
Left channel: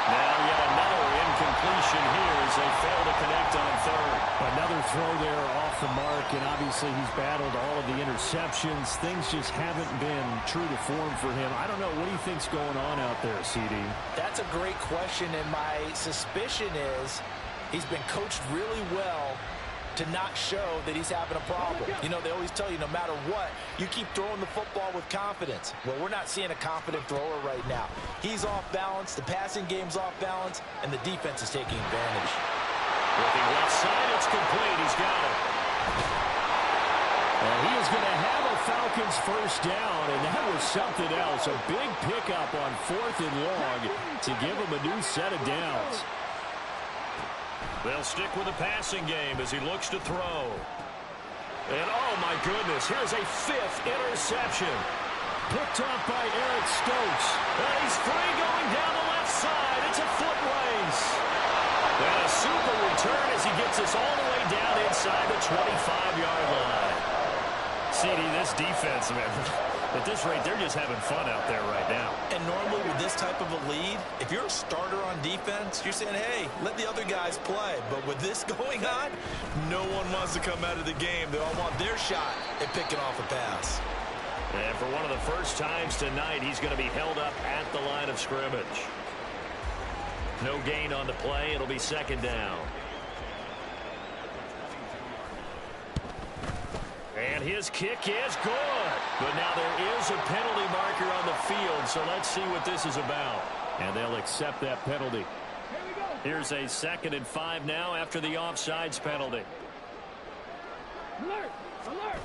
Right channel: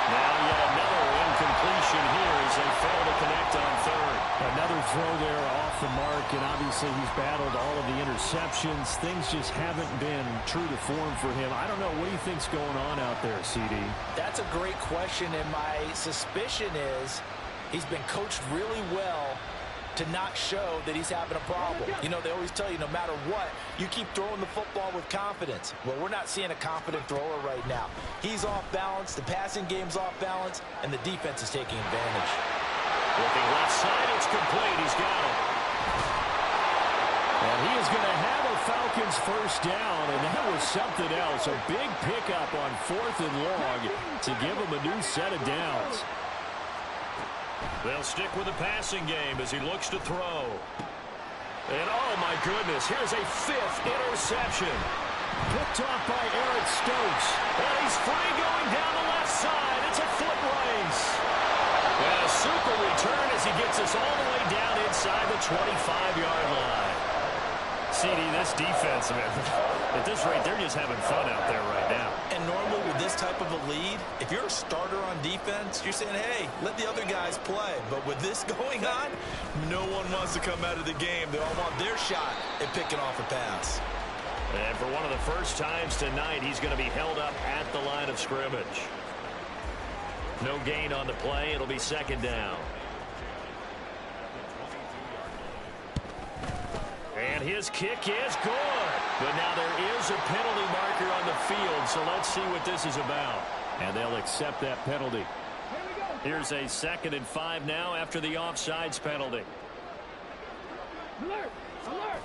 Now yet another incompletion here as they fail to connect on third. Another throw there off the mark, and obviously he's battled all of the interceptions. Things just haven't been true to form for him. I don't know. What do you think's going on out there, CD? That's a great question, and my suspicion is he's been coached really well to not show that he's having a problem. You know, they always tell you no matter what, you keep throwing the football with confidence. Well, we're not seeing a confident thrower right now. He's off balance, the passing game's off balance, and the defense is taking advantage. Looking left side, it's complete. He's got it. And he is going to have a Falcons first down, and that was something else. A big pickup on 4th and long to give him a new set of downs. They'll stick with the passing game as he looks to throw. And oh my goodness, here's a 5th interception. Picked off by Eric Stokes. And he's free going down the left side. It's a foot race. And a super return as he gets us all the way down inside the 25-yard line. CD, this defense, man, at this rate, they're just having fun out there right now. And normally with this type of a lead, if you're a starter on defense, you're saying, hey, let the other guys play. But with this going on, no one wants to come out of the game. They all want their shot at picking off a pass. And for one of the first times tonight, he's going to be held up at the line of scrimmage. No gain on the play. It'll be 2nd down. And his kick is good. But now there is a penalty marker on the field, so let's see what this is about. And they'll accept that penalty. Here we go. Here's a 2nd and 5 now after the offsides penalty. Alert! Alert!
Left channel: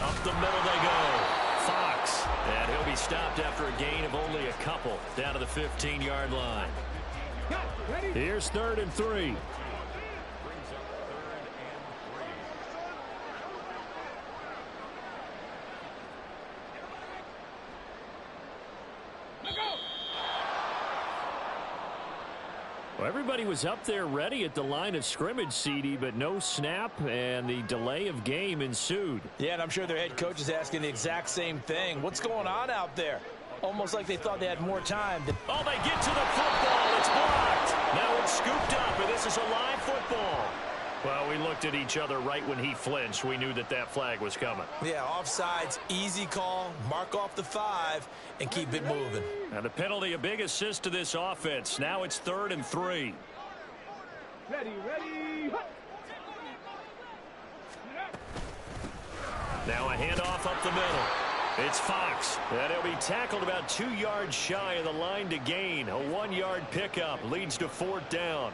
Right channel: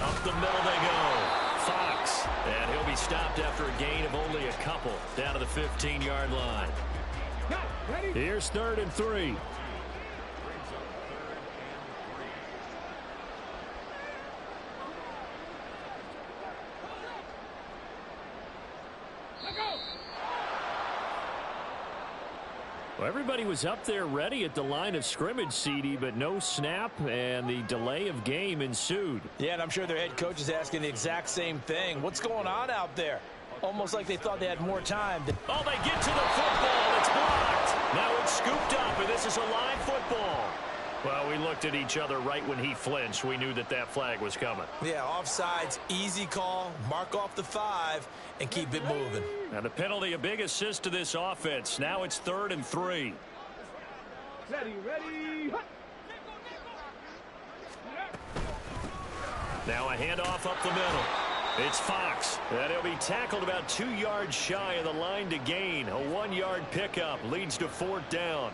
Up the middle they go. Fox. And he'll be stopped after a gain of only a couple down to the 15-yard line. Got it. Ready? Here's 3rd and 3. Well, everybody was up there ready at the line of scrimmage, CD, but no snap, and the delay of game ensued. Yeah, and I'm sure their head coach is asking the exact same thing. What's going on out there? Almost like they thought they had more time. Oh, they get to the football. It's blocked. Now it's scooped up, and this is a live football. Well, we looked at each other right when he flinched. We knew that that flag was coming. Yeah, offsides, easy call, mark off the 5, and keep it moving. And the penalty, a big assist to this offense. Now it's 3rd and 3. Ready, ready. Hut. Now a handoff up the middle. It's Fox. And he'll be tackled about 2 yards shy of the line to gain. A 1-yard pickup leads to 4th down.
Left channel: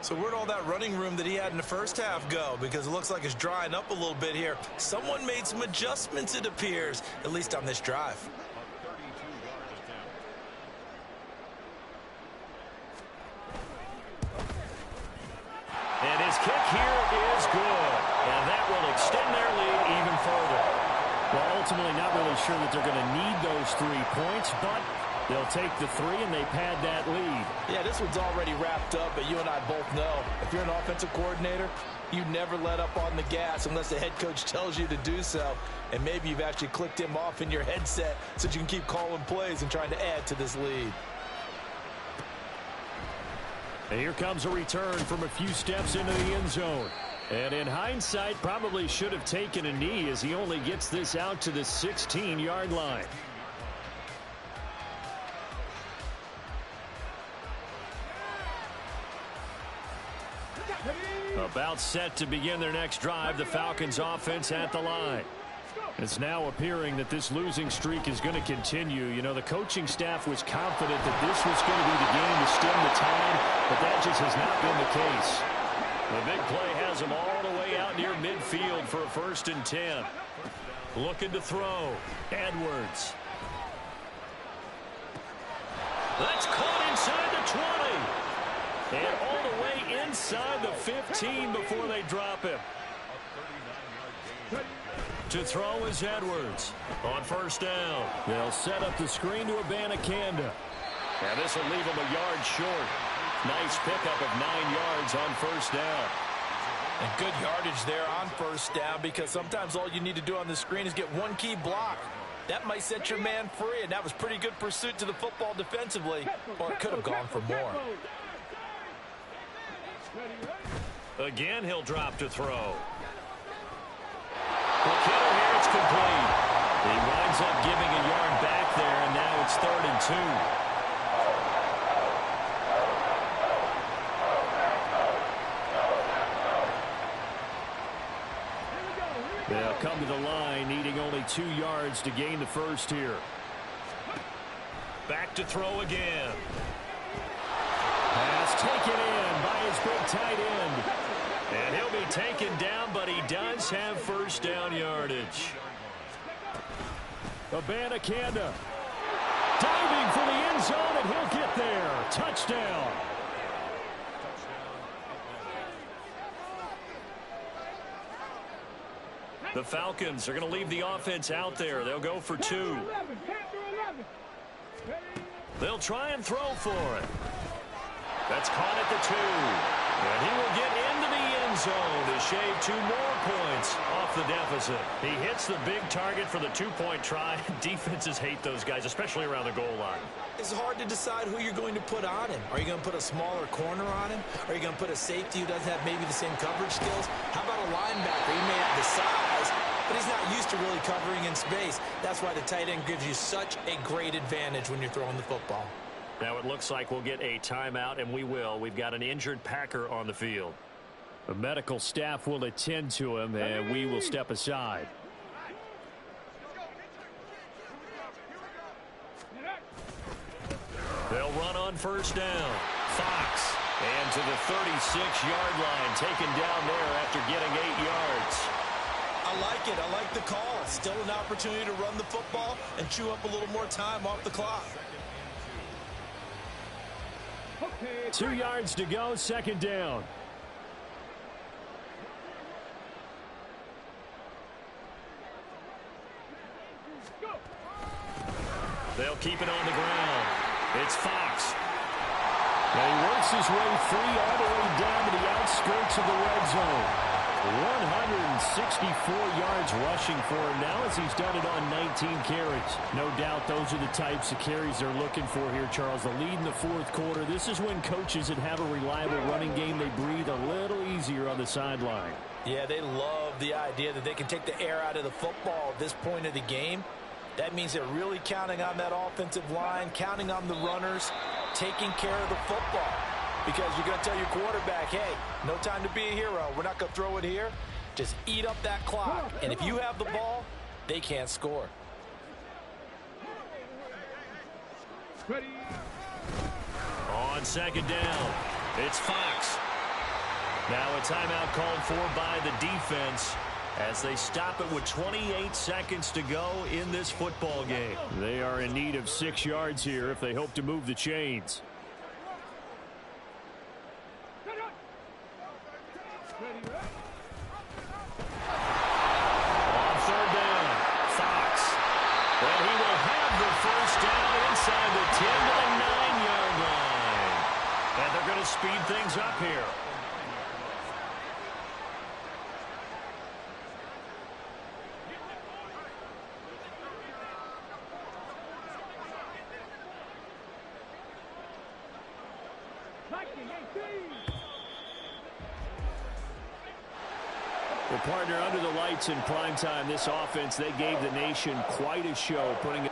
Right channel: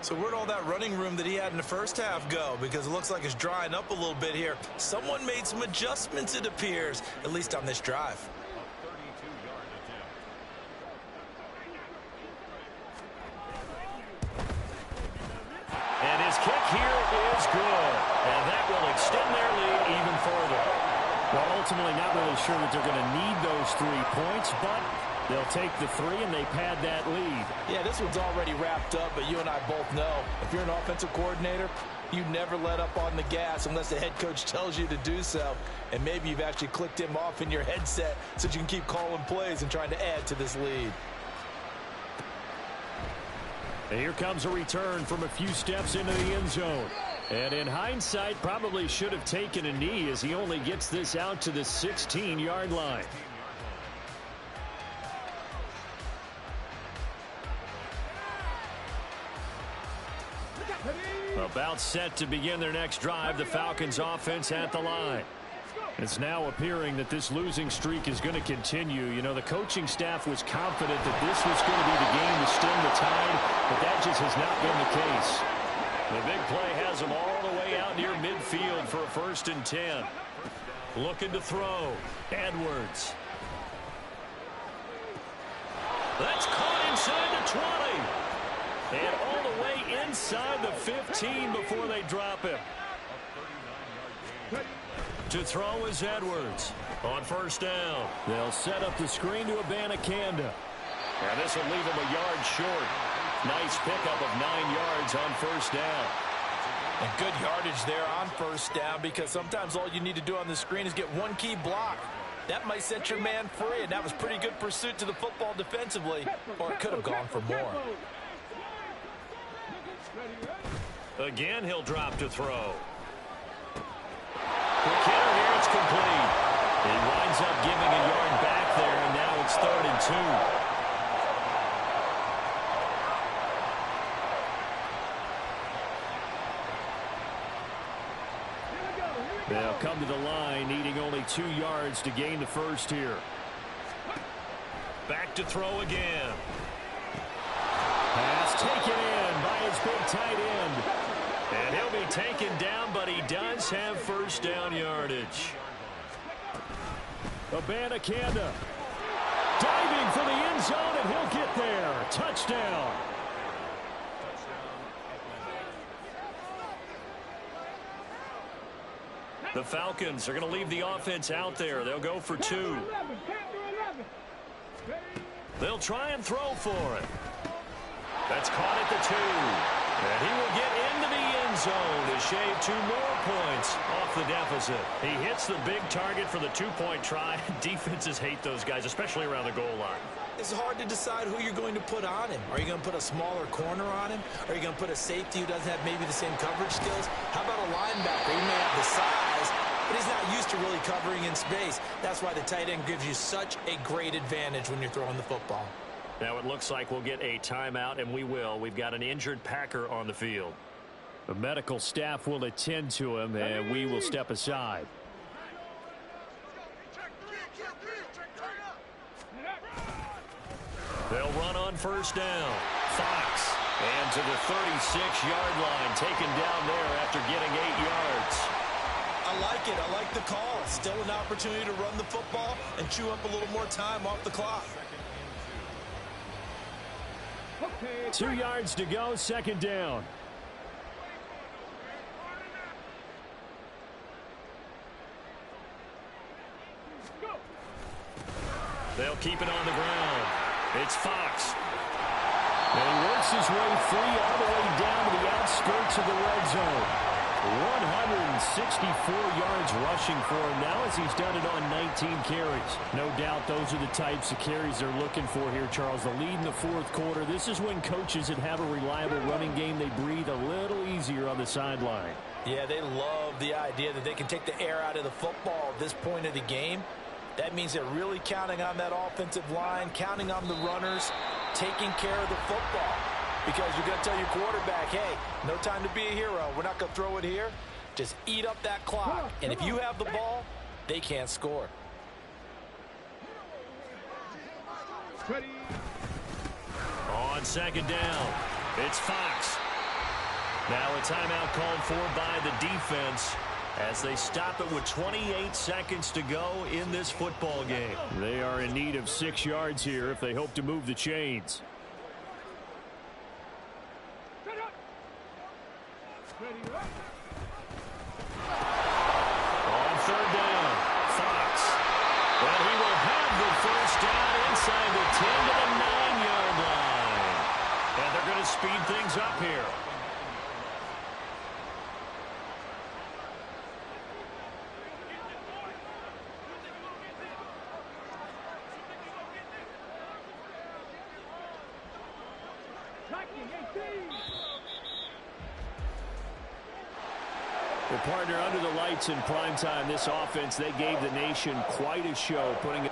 So where'd all that running room that he had in the first half go? Because it looks like it's drying up a little bit here. Someone made some adjustments, it appears, at least on this drive. And his kick here is good. And that will extend their lead even further. Well, ultimately not really sure that they're going to need those 3 points, but they'll take the 3 and they pad that lead. Yeah, this one's already wrapped up, but you and I both know if you're an offensive coordinator, you never let up on the gas unless the head coach tells you to do so. And maybe you've actually clicked him off in your headset so that you can keep calling plays and trying to add to this lead. And here comes a return from a few steps into the end zone. And in hindsight, probably should have taken a knee as he only gets this out to the 16-yard line. About set to begin their next drive, the Falcons offense at the line. It's now appearing that this losing streak is going to continue. You know, the coaching staff was confident that this was going to be the game to stem the tide, but that just has not been the case. The big play has them all the way out near midfield for a 1st and 10. Looking to throw. Edwards. That's caught inside the 20. And all the way inside the 15 before they drop him. To throw is Edwards. On first down, they'll set up the screen to Abanikanda. And this will leave him a yard short. Nice pickup of 9 yards on first down. And good yardage there on first down, because sometimes all you need to do on the screen is get one key block. That might set your man free, and that was pretty good pursuit to the football defensively, or it could have gone for more. Again, he'll drop to throw. Quick hitter here, it's complete. He winds up giving a yard back there, and now it's 3rd and 2. They'll come to the line, needing only 2 yards to gain the first here. Back to throw again. Pass taken in by his big tight end. And he'll be taken down, but he does have first down yardage. Abanikanda diving for the end zone, and he'll get there. Touchdown. The Falcons are going to leave the offense out there. They'll go for 2. They'll try and throw for it. That's caught at the 2. And he will get into the end zone to shave 2 more points off the deficit. He hits the big target for the 2-point try. Defenses hate those guys, especially around the goal line. It's hard to decide who you're going to put on him. Are you going to put a smaller corner on him? Are you going to put a safety who doesn't have maybe the same coverage skills? How about a linebacker? He may have the size, but he's not used to really covering in space. That's why the tight end gives you such a great advantage when you're throwing the football. Now it looks like we'll get a timeout, and we will. We've got an injured Packer on the field. The medical staff will attend to him, and we will step aside. They'll run on first down. Fox. And to the 36-yard line, taken down there after getting 8 yards. I like it. I like the call. It's still an opportunity to run the football and chew up a little more time off the clock. 2 yards to go, 2nd down. They'll keep it on the ground. It's Fox. And he works his way free all the way down to the outskirts of the red zone. 164 yards rushing for him now, as he's done it on 19 carries. No doubt those are the types of carries they're looking for here, Charles. The lead in the 4th quarter. This is when coaches that have a reliable running game, they breathe a little easier on the sideline. Yeah, they love the idea that they can take the air out of the football at this point of the game. That means they're really counting on that offensive line, counting on the runners, taking care of the football. Because you're going to tell your quarterback, hey, no time to be a hero. We're not going to throw it here. Just eat up that clock. And if you have the ball, they can't score. On 2nd down, it's Fox. Now a timeout called for by the defense as they stop it with 28 seconds to go in this football game. They are in need of 6 yards here if they hope to move the chains. On 3rd down, Fox. And he will have the first down inside the 10 to the 9-yard line. And they're going to speed things up here. Well, partner, under the lights in primetime, this offense, they gave the nation quite a show, putting